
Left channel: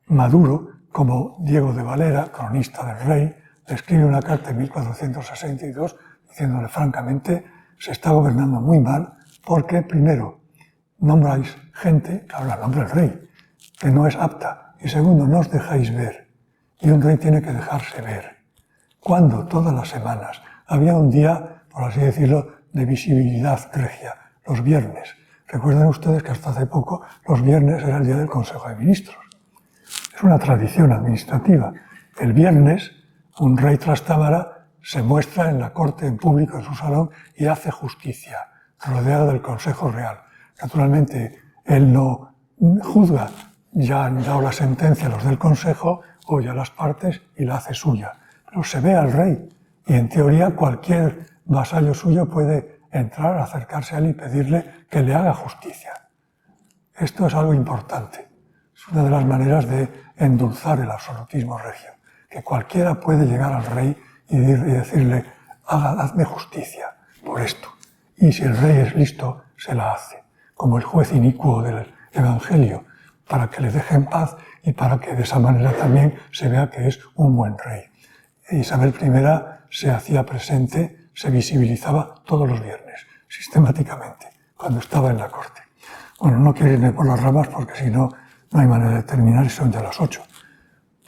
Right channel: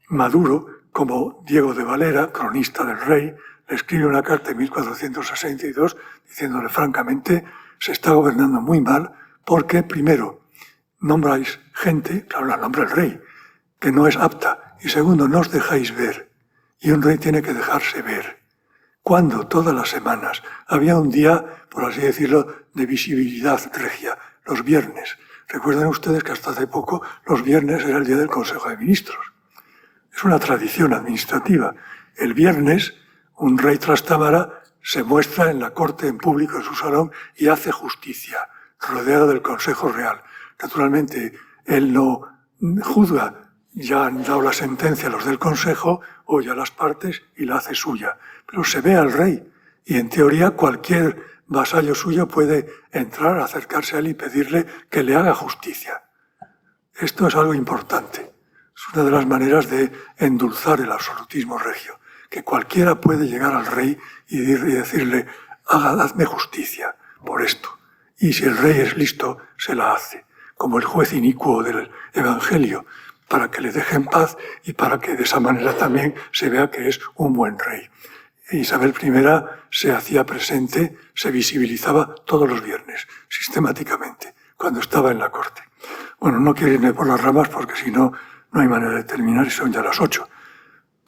maduro, como Diego de Valera, cronista del rey, le escribe una carta en 1462 diciéndole francamente, se está gobernando muy mal porque, primero, nombráis gente, claro, la nombra el rey, que no es apta, y segundo, no os dejáis ver. Y un rey tiene que dejarse ver. Cuando todas las semanas había un día, por así decirlo, de visibilidad regia, los viernes. Recuerden ustedes que hasta hace poco los viernes era el día del Consejo de Ministros. Es una tradición administrativa. El viernes, un rey Trastámara se muestra en la corte, en público, en su salón, y hace justicia, rodeado del Consejo Real. Naturalmente, él no juzga, ya han dado la sentencia los del Consejo, oye a las partes y la hace suya. Pero se ve al rey, y en teoría cualquier vasallo suyo puede entrar, acercarse a él y pedirle que le haga justicia. Esto es algo importante. Es una de las maneras de endulzar el absolutismo regio, que cualquiera puede llegar al rey y decirle, hazme justicia por esto. Y si el rey es listo, se la hace, como el juez inicuo del Evangelio, para que le deje en paz y para que de esa manera también se vea que es un buen rey. Isabel I se hacía presente, se visibilizaba todos los viernes, sistemáticamente, cuando estaba en la corte. Bueno, no quiero irme por las ramas porque si no, no hay manera de terminar y son ya las 8.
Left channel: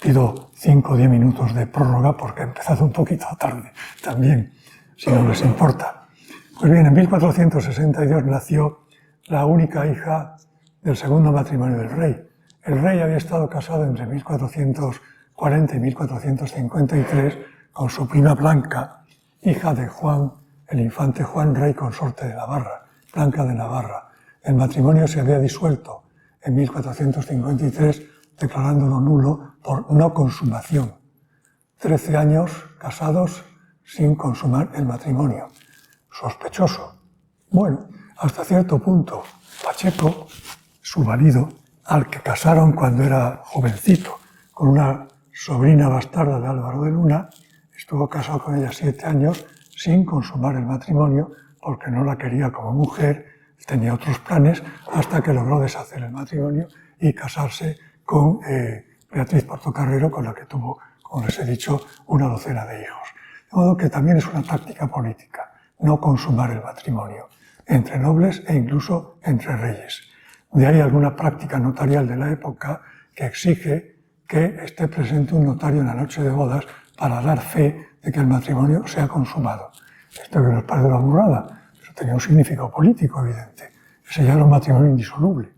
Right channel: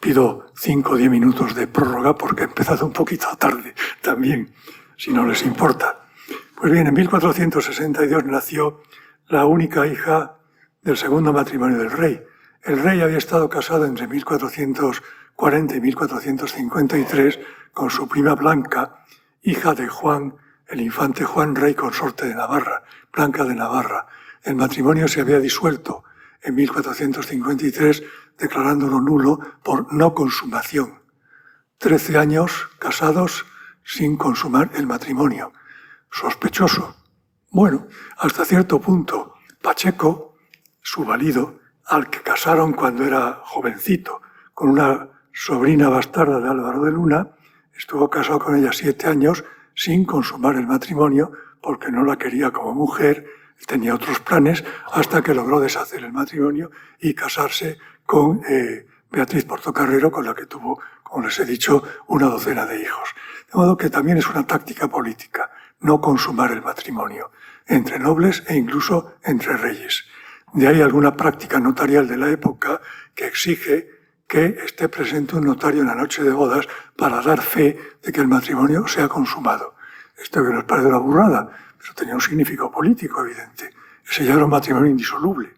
Pido 5 o 10 minutos de prórroga porque he empezado un poquito tarde también, si no les importa. Pues bien, en 1462 nació la única hija del segundo matrimonio del rey. El rey había estado casado entre 1440 y 1453 con su prima Blanca, hija de Juan, el infante Juan, rey consorte de Navarra, Blanca de Navarra. El matrimonio se había disuelto en 1453, declarándolo nulo por no consumación. 13 años casados sin consumar el matrimonio. Sospechoso. Bueno, hasta cierto punto, Pacheco, su marido, al que casaron cuando era jovencito, con una sobrina bastarda de Álvaro de Luna, estuvo casado con ella 7 años sin consumar el matrimonio porque no la quería como mujer, tenía otros planes, hasta que logró deshacer el matrimonio y casarse con Beatriz Portocarrero, con la que tuvo, como les he dicho, una docena de hijos. De modo que también es una táctica política, no consumar el matrimonio. entre nobles e incluso entre reyes. De ahí alguna práctica notarial de la época que exige que esté presente un notario en la noche de bodas para dar fe de que el matrimonio se ha consumado. Esto que nos parece una burrada, pero tenía un significado político evidente. Ese ya era un matrimonio indisoluble.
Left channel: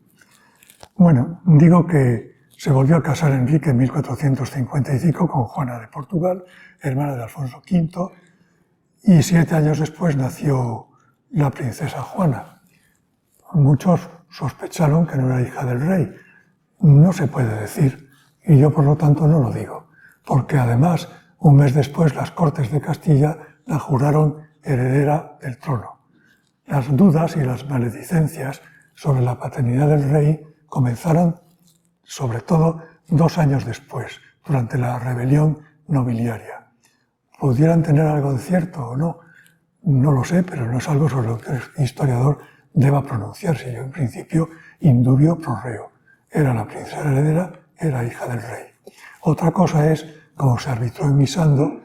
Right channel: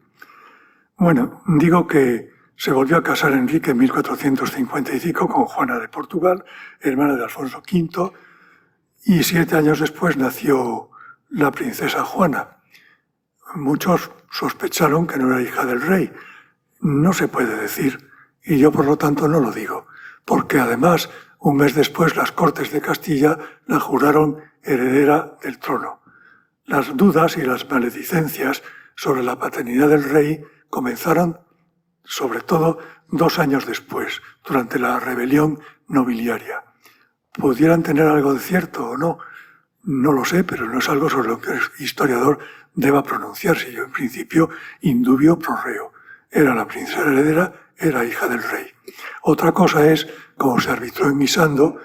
Bueno, digo que se volvió a casar Enrique en 1455 con Juana de Portugal, hermana de Alfonso V, y 7 años después nació la princesa Juana. Muchos sospecharon que no era hija del rey. No se puede decir, y yo por lo tanto no lo digo, porque además, un mes después, las Cortes de Castilla la juraron heredera del trono. Las dudas y las maledicencias sobre la paternidad del rey comenzaron sobre todo 2 años después, durante la rebelión nobiliaria. ¿Pudieran tener algo de cierto o no? No lo sé, pero no es algo sobre lo que el historiador deba pronunciarse. Yo, en principio, indubio pro reo. Era la princesa heredera, era hija del rey. Otra cosa es cómo se arbitró en Misando,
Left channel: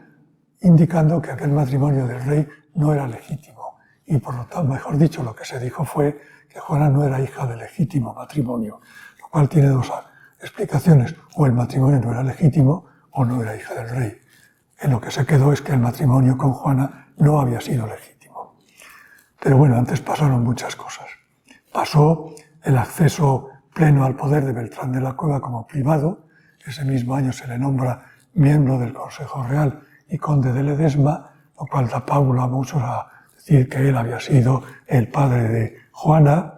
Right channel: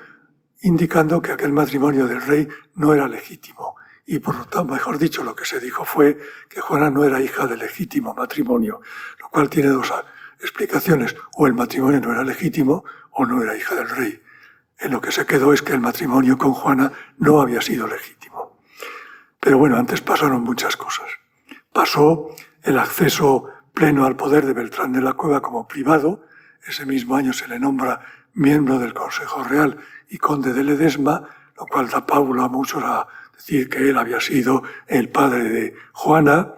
indicando que aquel matrimonio del rey no era legítimo. Y por lo tanto, mejor dicho, lo que se dijo fue que Juana no era hija de legítimo matrimonio, lo cual tiene 2 explicaciones. O el matrimonio no era legítimo o no era hija del rey. En lo que se quedó es que el matrimonio con Juana no había sido legítimo. Pero bueno, antes pasaron muchas cosas. Pasó el acceso pleno al poder de Beltrán de la Cueva como privado. Ese mismo año se le nombra miembro del Consejo Real y conde de Ledesma, lo cual da pauta a muchos a decir que él había sido el padre de Juana.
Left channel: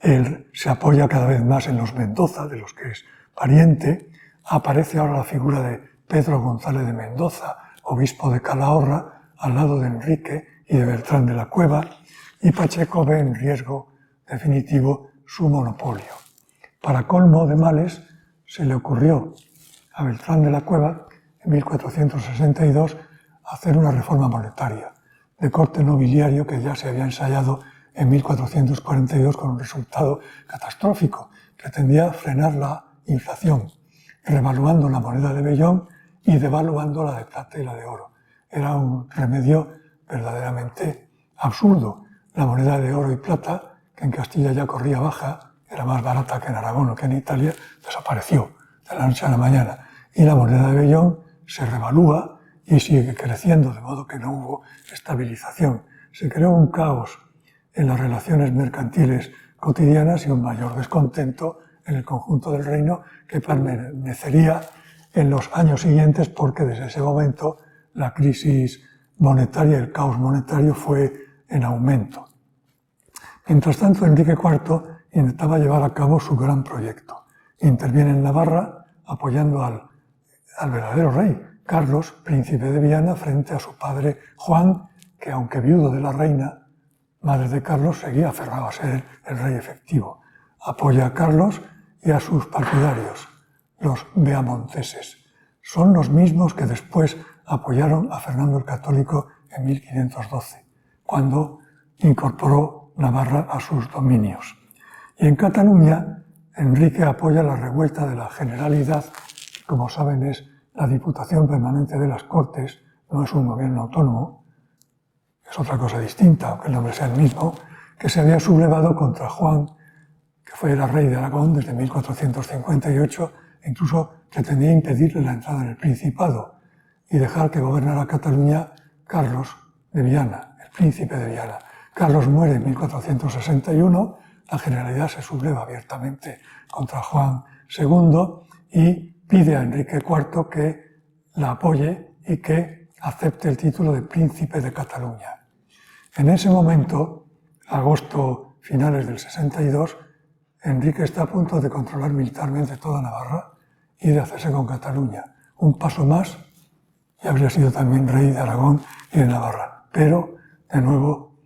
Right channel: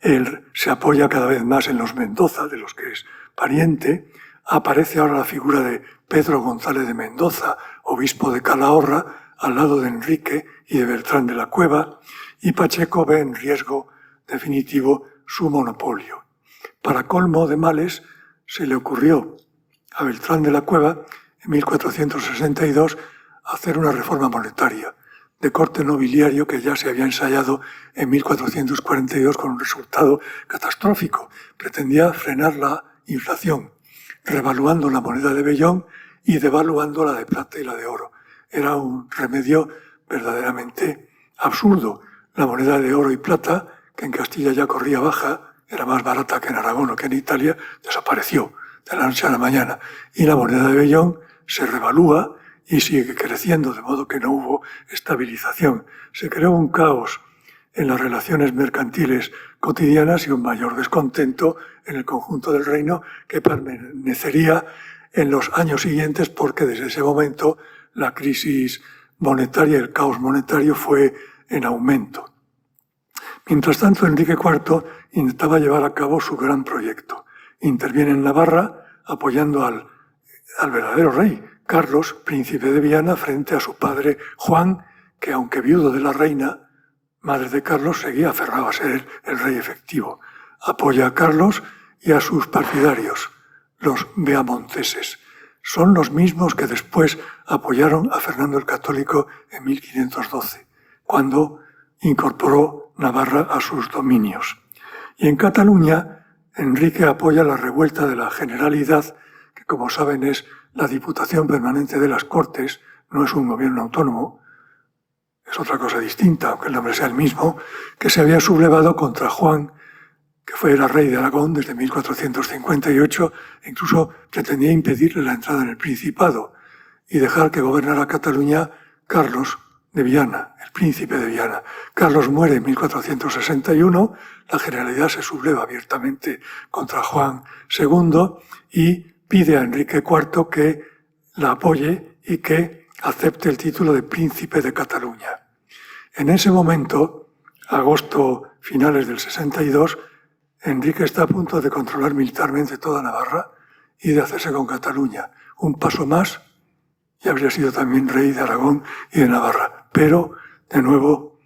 Él se apoya cada vez más en los Mendoza, de los que es pariente. Aparece ahora la figura de Pedro González de Mendoza, obispo de Calahorra, al lado de Enrique y de Beltrán de la Cueva, y Pacheco ve en riesgo definitivo su monopolio. Para colmo de males, se le ocurrió a Beltrán de la Cueva, en 1462, hacer una reforma monetaria de corte nobiliario que ya se había ensayado en 1442 con un resultado catastrófico. Pretendía frenar la inflación, revaluando la moneda de vellón y devaluando la de plata y la de oro. Era un remedio verdaderamente absurdo. La moneda de oro y plata, que en Castilla ya corría baja, era más barata que en Aragón o que en Italia, desapareció de la noche a la mañana. Y la moneda de vellón se revalúa y sigue creciendo, de modo que no hubo estabilización. Se creó un caos en las relaciones mercantiles cotidianas y un mayor descontento en el conjunto del reino que permanecería en los años siguientes, porque desde ese momento la crisis monetaria, el caos monetario fue en aumento. Mientras tanto, Enrique IV intentaba llevar a cabo su gran proyecto. Interviene en Navarra apoyando al verdadero rey, Carlos, príncipe de Viana, frente a su padre Juan, que aunque viudo de la reina, madre de Carlos, seguía aferrado a ser el rey efectivo. Apoya a Carlos y a sus partidarios, los beamonteses. Son los mismos que después apoyaron a Fernando el Católico en 1512, cuando incorporó Navarra a sus dominios. Y en Cataluña, Enrique apoya la revuelta de la Generalidad, que como saben es la Diputación Permanente de las Cortes, no es un gobierno autónomo, es otra cosa distinta, aunque el nombre sea el mismo, que se había sublevado contra Juan, que era rey de Aragón desde 1458, e incluso pretendía impedirle la entrada en el Principado y dejar que gobernara Cataluña Carlos de Viana, el príncipe de Viana. Carlos muere en 1461, la Generalidad se subleva abiertamente contra Juan II y pide a Enrique IV que la apoye y que acepte el título de príncipe de Cataluña. En ese momento, agosto finales del 62, Enrique está a punto de controlar militarmente toda Navarra y de hacerse con Cataluña. Un paso más y habría sido también rey de Aragón y de Navarra. Pero, de nuevo,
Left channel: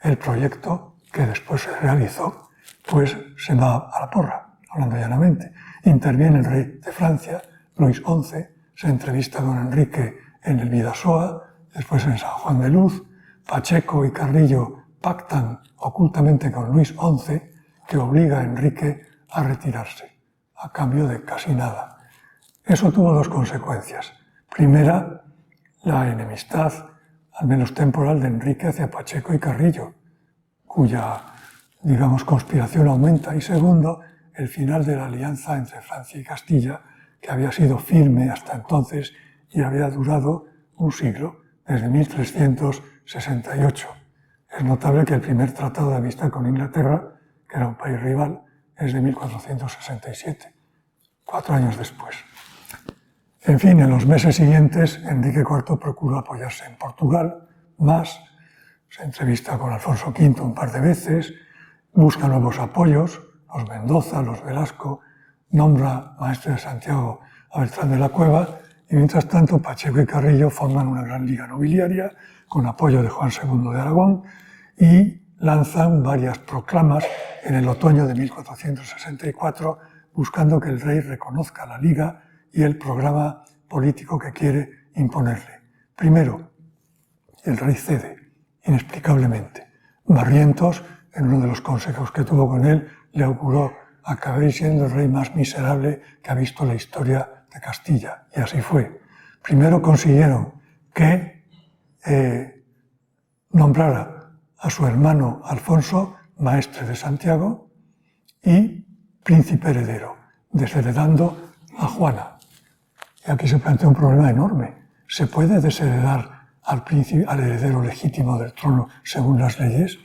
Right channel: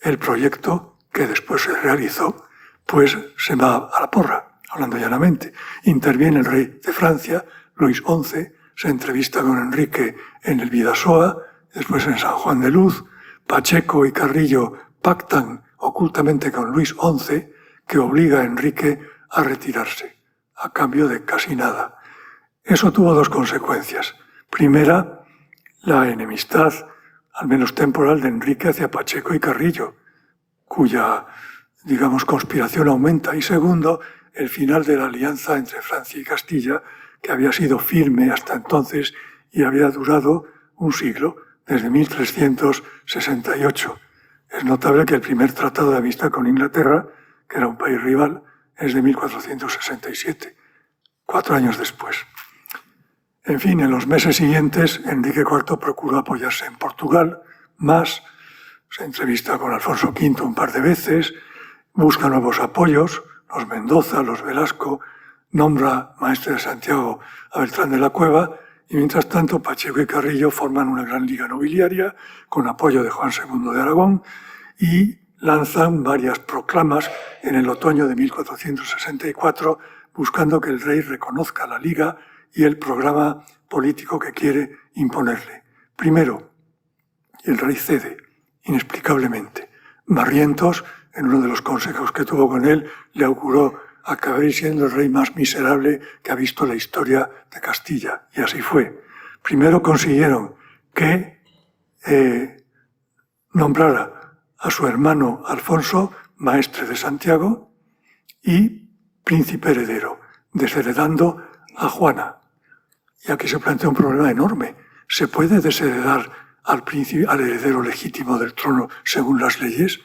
el proyecto que después se realizó, pues se va a la porra, hablando llanamente. Interviene el rey de Francia, Luis XI, se entrevista con Enrique en el Bidasoa, después en San Juan de Luz. Pacheco y Carrillo pactan ocultamente con Luis XI, que obliga a Enrique a retirarse, a cambio de casi nada. Eso tuvo 2 consecuencias. Primera, la enemistad, al menos temporal, de Enrique hacia Pacheco y Carrillo. cuya, digamos, conspiración aumenta, y segundo, el final de la alianza entre Francia y Castilla, que había sido firme hasta entonces y había durado un siglo, desde 1368. Es notable que el primer tratado de amistad con Inglaterra, que era un país rival, es de 1467, 4 años después. En fin, en los meses siguientes, Enrique IV procuró apoyarse en Portugal más, se entrevista con Alfonso V un par de veces, busca nuevos apoyos, los Mendoza, los Velasco, nombra maestre de Santiago a Beltrán de la Cueva, y mientras tanto Pacheco y Carrillo forman una gran liga nobiliaria con apoyo de Juan II de Aragón y lanzan varias proclamas en el otoño de 1464 buscando que el rey reconozca la liga y el programa político que quiere imponerle. Primero, el rey cede, inexplicablemente. Barrientos, en uno de los consejos que tuvo con él, le auguró: acabaréis siendo el rey más miserable que ha visto la historia de Castilla. Y así fue. Primero consiguieron que nombrara a su hermano Alfonso maestre de Santiago y príncipe heredero, desheredando a Juana. Y aquí se plantea un problema enorme. ¿Se puede desheredar al heredero legítimo del trono según las leyes?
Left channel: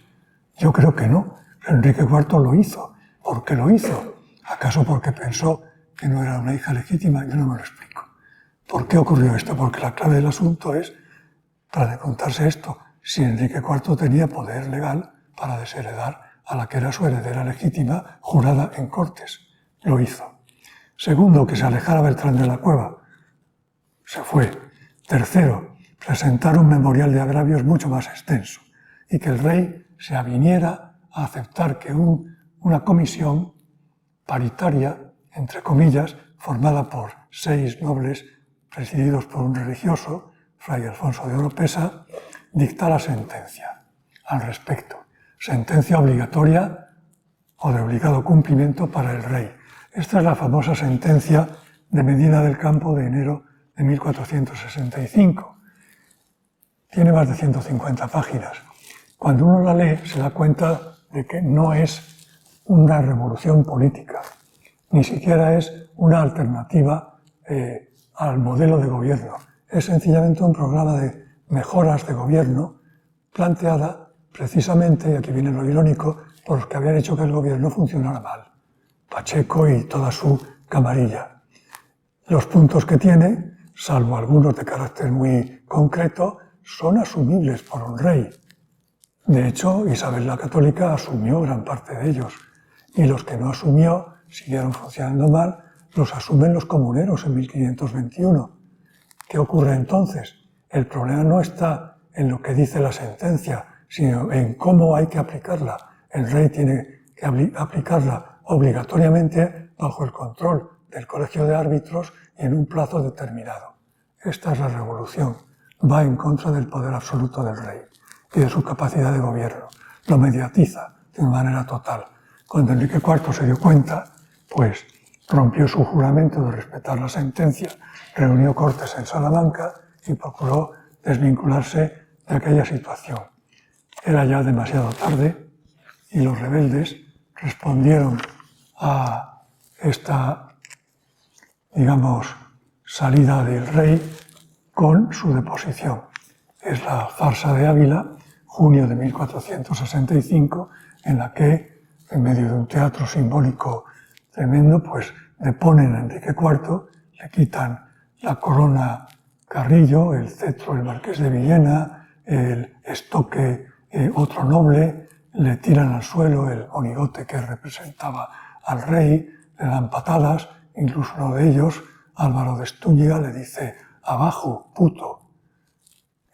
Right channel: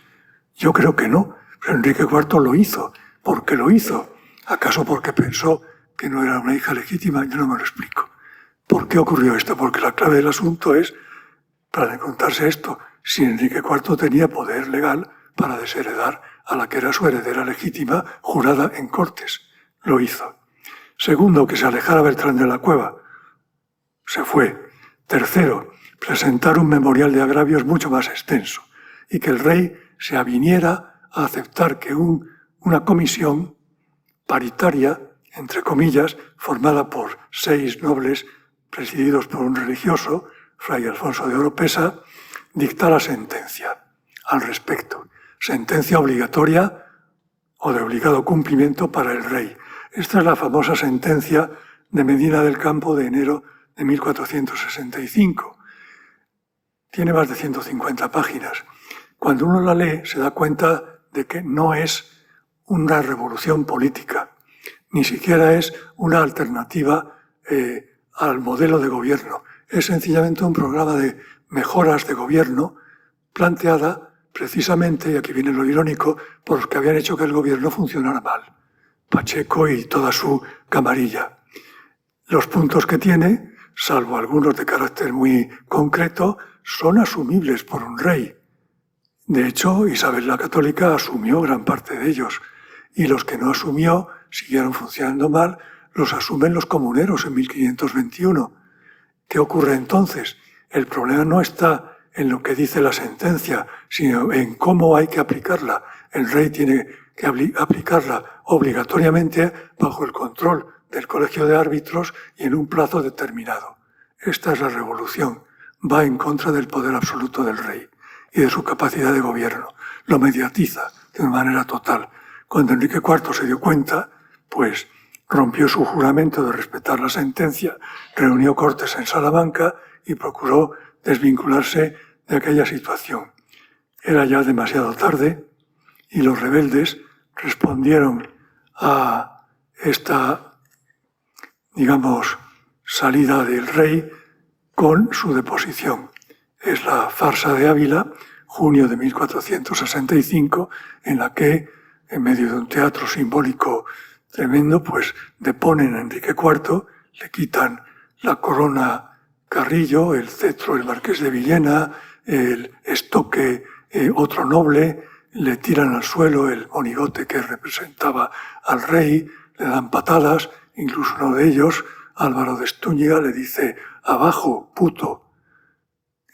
Yo creo que no. Pero Enrique IV lo hizo. ¿Por qué lo hizo? ¿Acaso porque pensó que no era una hija legítima? Yo no me lo explico. ¿Por qué ocurrió esto? Porque la clave del asunto es, para contarse esto, si Enrique IV tenía poder legal para desheredar a la que era su heredera legítima, jurada en Cortes. Lo hizo. Segundo, que se alejara Beltrán de la Cueva. Se fue. Tercero, presentar un memorial de agravios mucho más extenso y que el rey se aviniera a aceptar que una comisión paritaria, entre comillas, formada por 6 nobles presididos por un religioso, Fray Alfonso de Oropesa, dictara sentencia al respecto. Sentencia obligatoria o de obligado cumplimiento para el rey. Esta es la famosa sentencia de Medina del Campo de enero de 1465. Tiene más de 150 páginas. Cuando uno la lee se da cuenta de que no es una revolución política, ni siquiera es una alternativa al modelo de gobierno. Es sencillamente un programa de mejoras de gobierno planteada precisamente, y aquí viene lo irónico, por los que habían hecho que el gobierno funcionara mal. Pacheco y toda su camarilla. Los puntos que tiene, salvo algunos de carácter muy concreto, son asumibles por un rey. De hecho, Isabel la Católica asumió gran parte de ellos, y los que no asumió siguieron funcionando mal, los asumen los comuneros en 1521. ¿Qué ocurre entonces? El problema no está en lo que dice la sentencia, sino en cómo hay que aplicarla. El rey tiene que aplicarla obligatoriamente bajo el control del colegio de árbitros y en un plazo determinado. Esta es la revolución. Va en contra del poder absoluto del rey y de su capacidad de gobierno. Lo mediatiza de una manera total. Cuando Enrique IV se dio cuenta, pues rompió su juramento de respetar la sentencia, reunió Cortes en Salamanca y procuró desvincularse de aquella situación. Era ya demasiado tarde y los rebeldes respondieron a esta, digamos, salida del rey con su deposición. Es la farsa de Ávila, junio de 1465, en la que, en medio de un teatro simbólico tremendo, pues deponen a Enrique IV, le quitan la corona Carrillo, el cetro el marqués de Villena, el estoque otro noble, le tiran al suelo el monigote que representaba al rey, le dan patadas, incluso uno de ellos, Álvaro de Estúñiga, le dice: abajo, puto.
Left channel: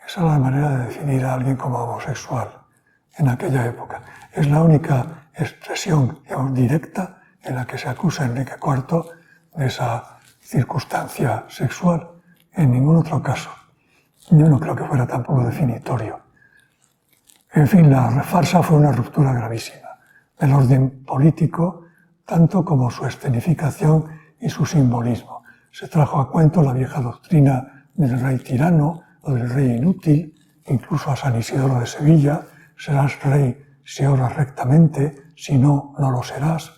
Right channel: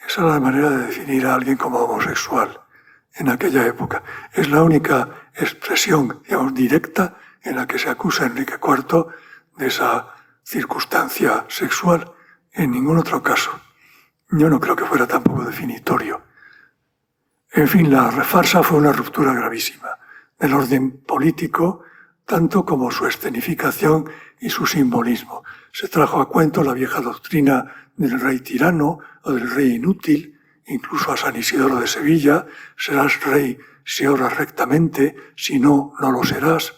Esa es la manera de definir a alguien como homosexual en aquella época. Es la única expresión, digamos, directa en la que se acusa a Enrique IV de esa circunstancia sexual. En ningún otro caso. Yo no creo que fuera tampoco definitorio. En fin, la farsa fue una ruptura gravísima del orden político, tanto como su escenificación y su simbolismo. Se trajo a cuento la vieja doctrina del rey tirano o del rey inútil, incluso a San Isidoro de Sevilla: serás rey si obras rectamente, si no, no lo serás,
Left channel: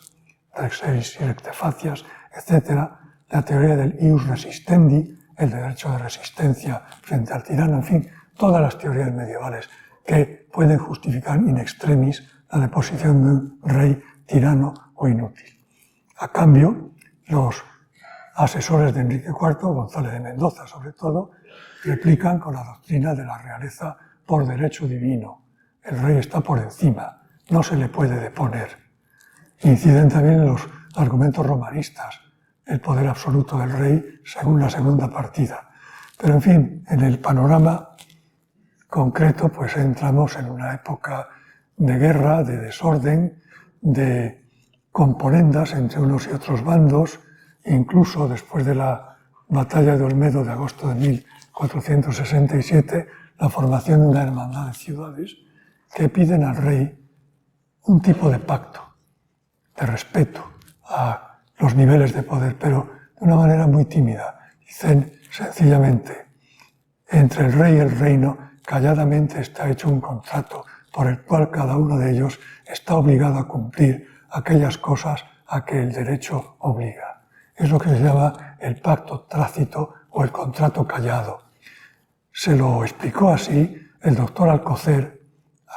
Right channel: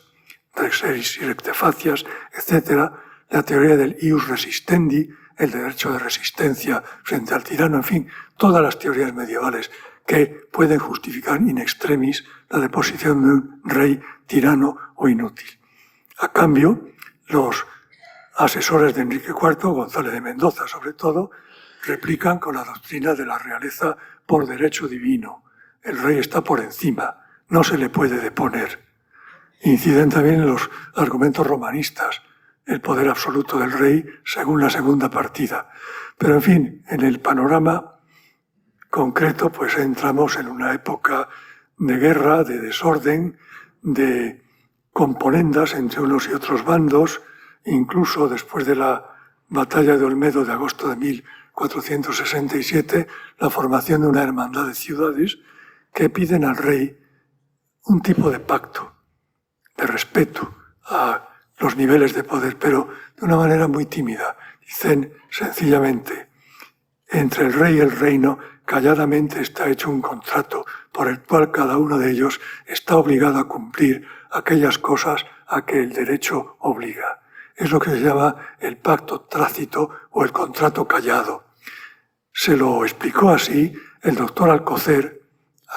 rex eris y recte facias, etc. La teoría del ius resistendi, el derecho de resistencia frente al tirano, en fin, todas las teorías medievales que pueden justificar in extremis la deposición de un rey tirano o inútil. A cambio, los asesores de Enrique IV, González de Mendoza sobre todo, replican con la doctrina de la realeza por derecho divino. El rey está por encima, no se le puede deponer. Inciden también en los argumentos romanistas, el poder absoluto del rey según la segunda partida. Pero en fin, en el panorama concreto, pues entramos en una época de guerra, de desorden, de componendas entre unos y otros bandos, incluso después de la batalla de Olmedo de agosto de 1467, la formación de una hermandad de ciudades que piden al rey un tipo de pacto, de respeto a los niveles de poder, pero de una manera muy tímida. Dicen sencillamente, entre el rey y el reino, calladamente está hecho un contrato por el cual cada uno de ellos está obligado a cumplir aquellas cosas a que el derecho obliga. Es lo que se llama el pacto tácito o el contrato callado. Se lo explicó así el doctor Alcocer,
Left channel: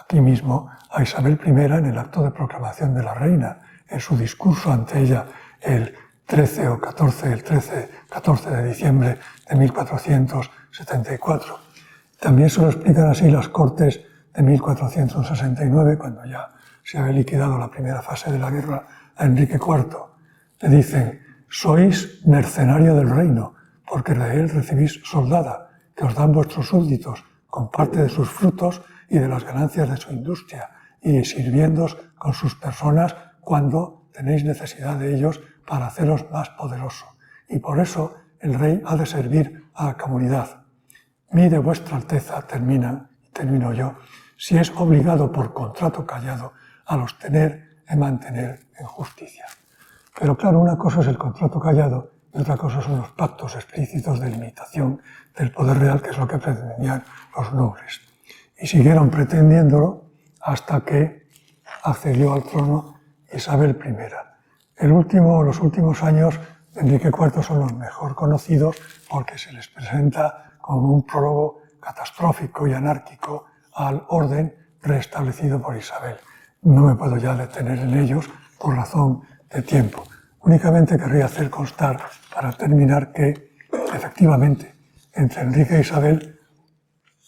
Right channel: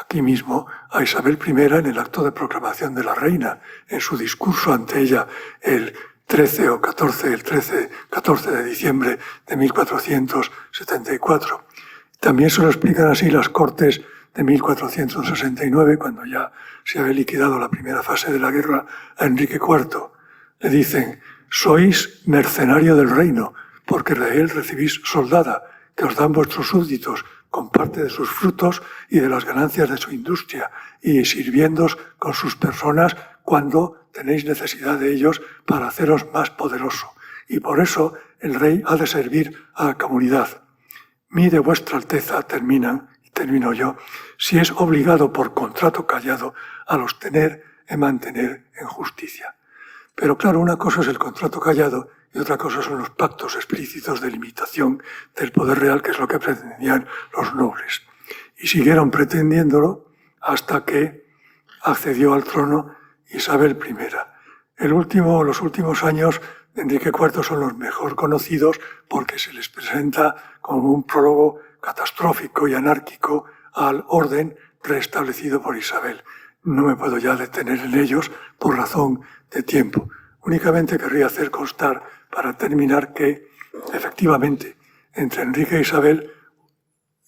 aquí mismo, a Isabel I en el acto de proclamación de la reina, en su discurso ante ella el 14 de diciembre de 1474. También se lo explican así las Cortes de 1469, cuando ya se había liquidado la primera fase de la guerra a Enrique IV. Le dicen, sois mercenario del reino, porque de él recibís soldada, que os dan vuestros súbditos con parte de sus frutos y de las ganancias de su industria, y sirviéndoos con sus personas cuando tenéis necesidad de ellos para haceros más poderoso. Y por eso el rey ha de servir a la comunidad. Mire vuestra alteza, termino yo, si es obligado por contrato callado a los tener y mantener en justicia. Pero claro, una cosa es el contrato callado y otra cosa son los pactos explícitos de limitación del poder real, que es lo que pretendían los nobles. Y siguieron pretendiéndolo hasta que accedió al trono Isabel I. Los últimos años de Enrique IV son los mejor conocidos porque se les presenta como un prólogo catastrófico y anárquico al orden restablecido por Isabel. No me puedo ya detener en ellos por razón de tiempo. Únicamente querría hacer constar, para terminar, que efectivamente entre Enrique e Isabel,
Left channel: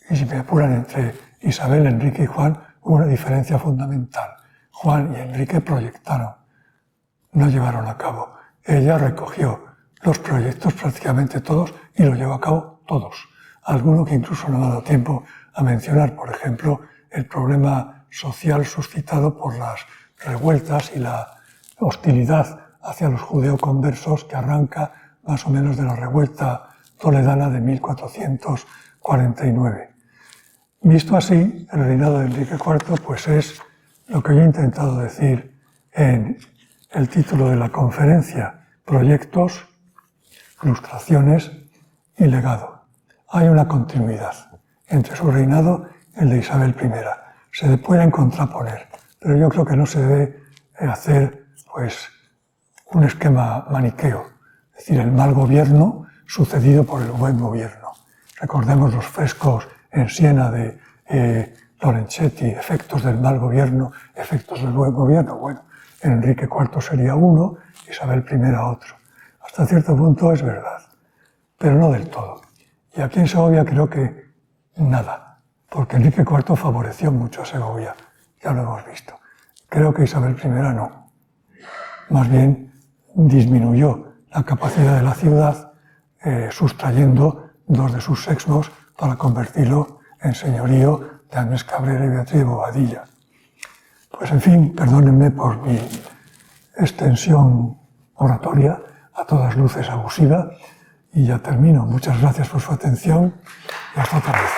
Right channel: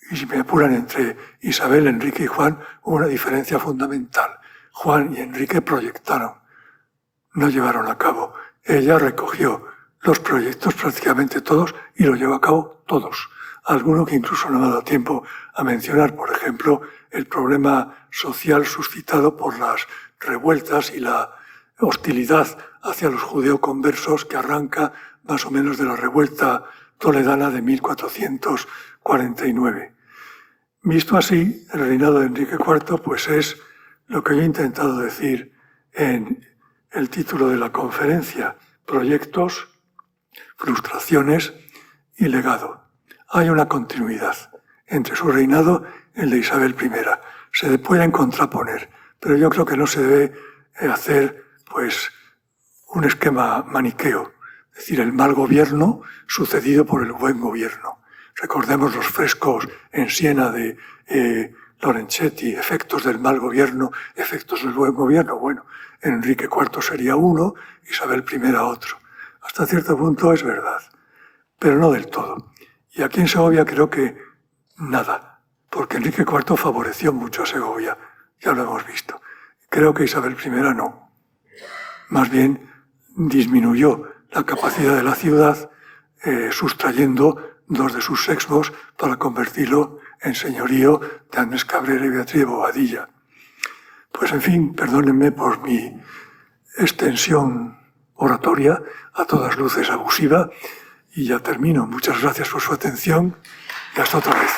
y si me apuran entre Isabel, Enrique y Juan, hubo una diferencia fundamental. Juan y Enrique proyectaron, no llevaron a cabo. Ella recogió los proyectos prácticamente todos y lo llevó a cabo todos. Alguno que incluso no me ha dado tiempo a mencionar, por ejemplo, el problema social suscitado por las revueltas y la hostilidad hacia los judeoconversos que arranca más o menos de la revuelta toledana de 1449. Visto así, el reinado de Enrique IV pues es lo que yo he intentado decir en el título de la conferencia, proyectos, frustraciones y legado. Hay una continuidad entre su reinado y el de Isabel I. Se pueden contraponer, pero yo creo que no se debe hacer pues un esquema maniqueo, es decir, el mal gobierno sucedido por el buen gobierno. Recordemos los frescos en Siena de Lorenzetti, efectos del mal gobierno, efectos del buen gobierno. Bueno, Enrique IV sería uno, Isabel I otro. Hasta cierto punto es verdad, pero no del todo. Y aquí en Segovia creo que nada, porque Enrique IV favoreció mucho a Segovia, ya lo hemos visto. Creo que Isabel I no. Más bien disminuyó la capacidad de la ciudad, sustrayendo dos de sus sexmos para convertirlo en señorío de Agnes Cabrera y Beatriz de Bobadilla. Pues en fin, perdónenme por mi extensión oratoria, a todas luces abusiva, y ya termino. Muchas gracias por su atención y hasta otra vez.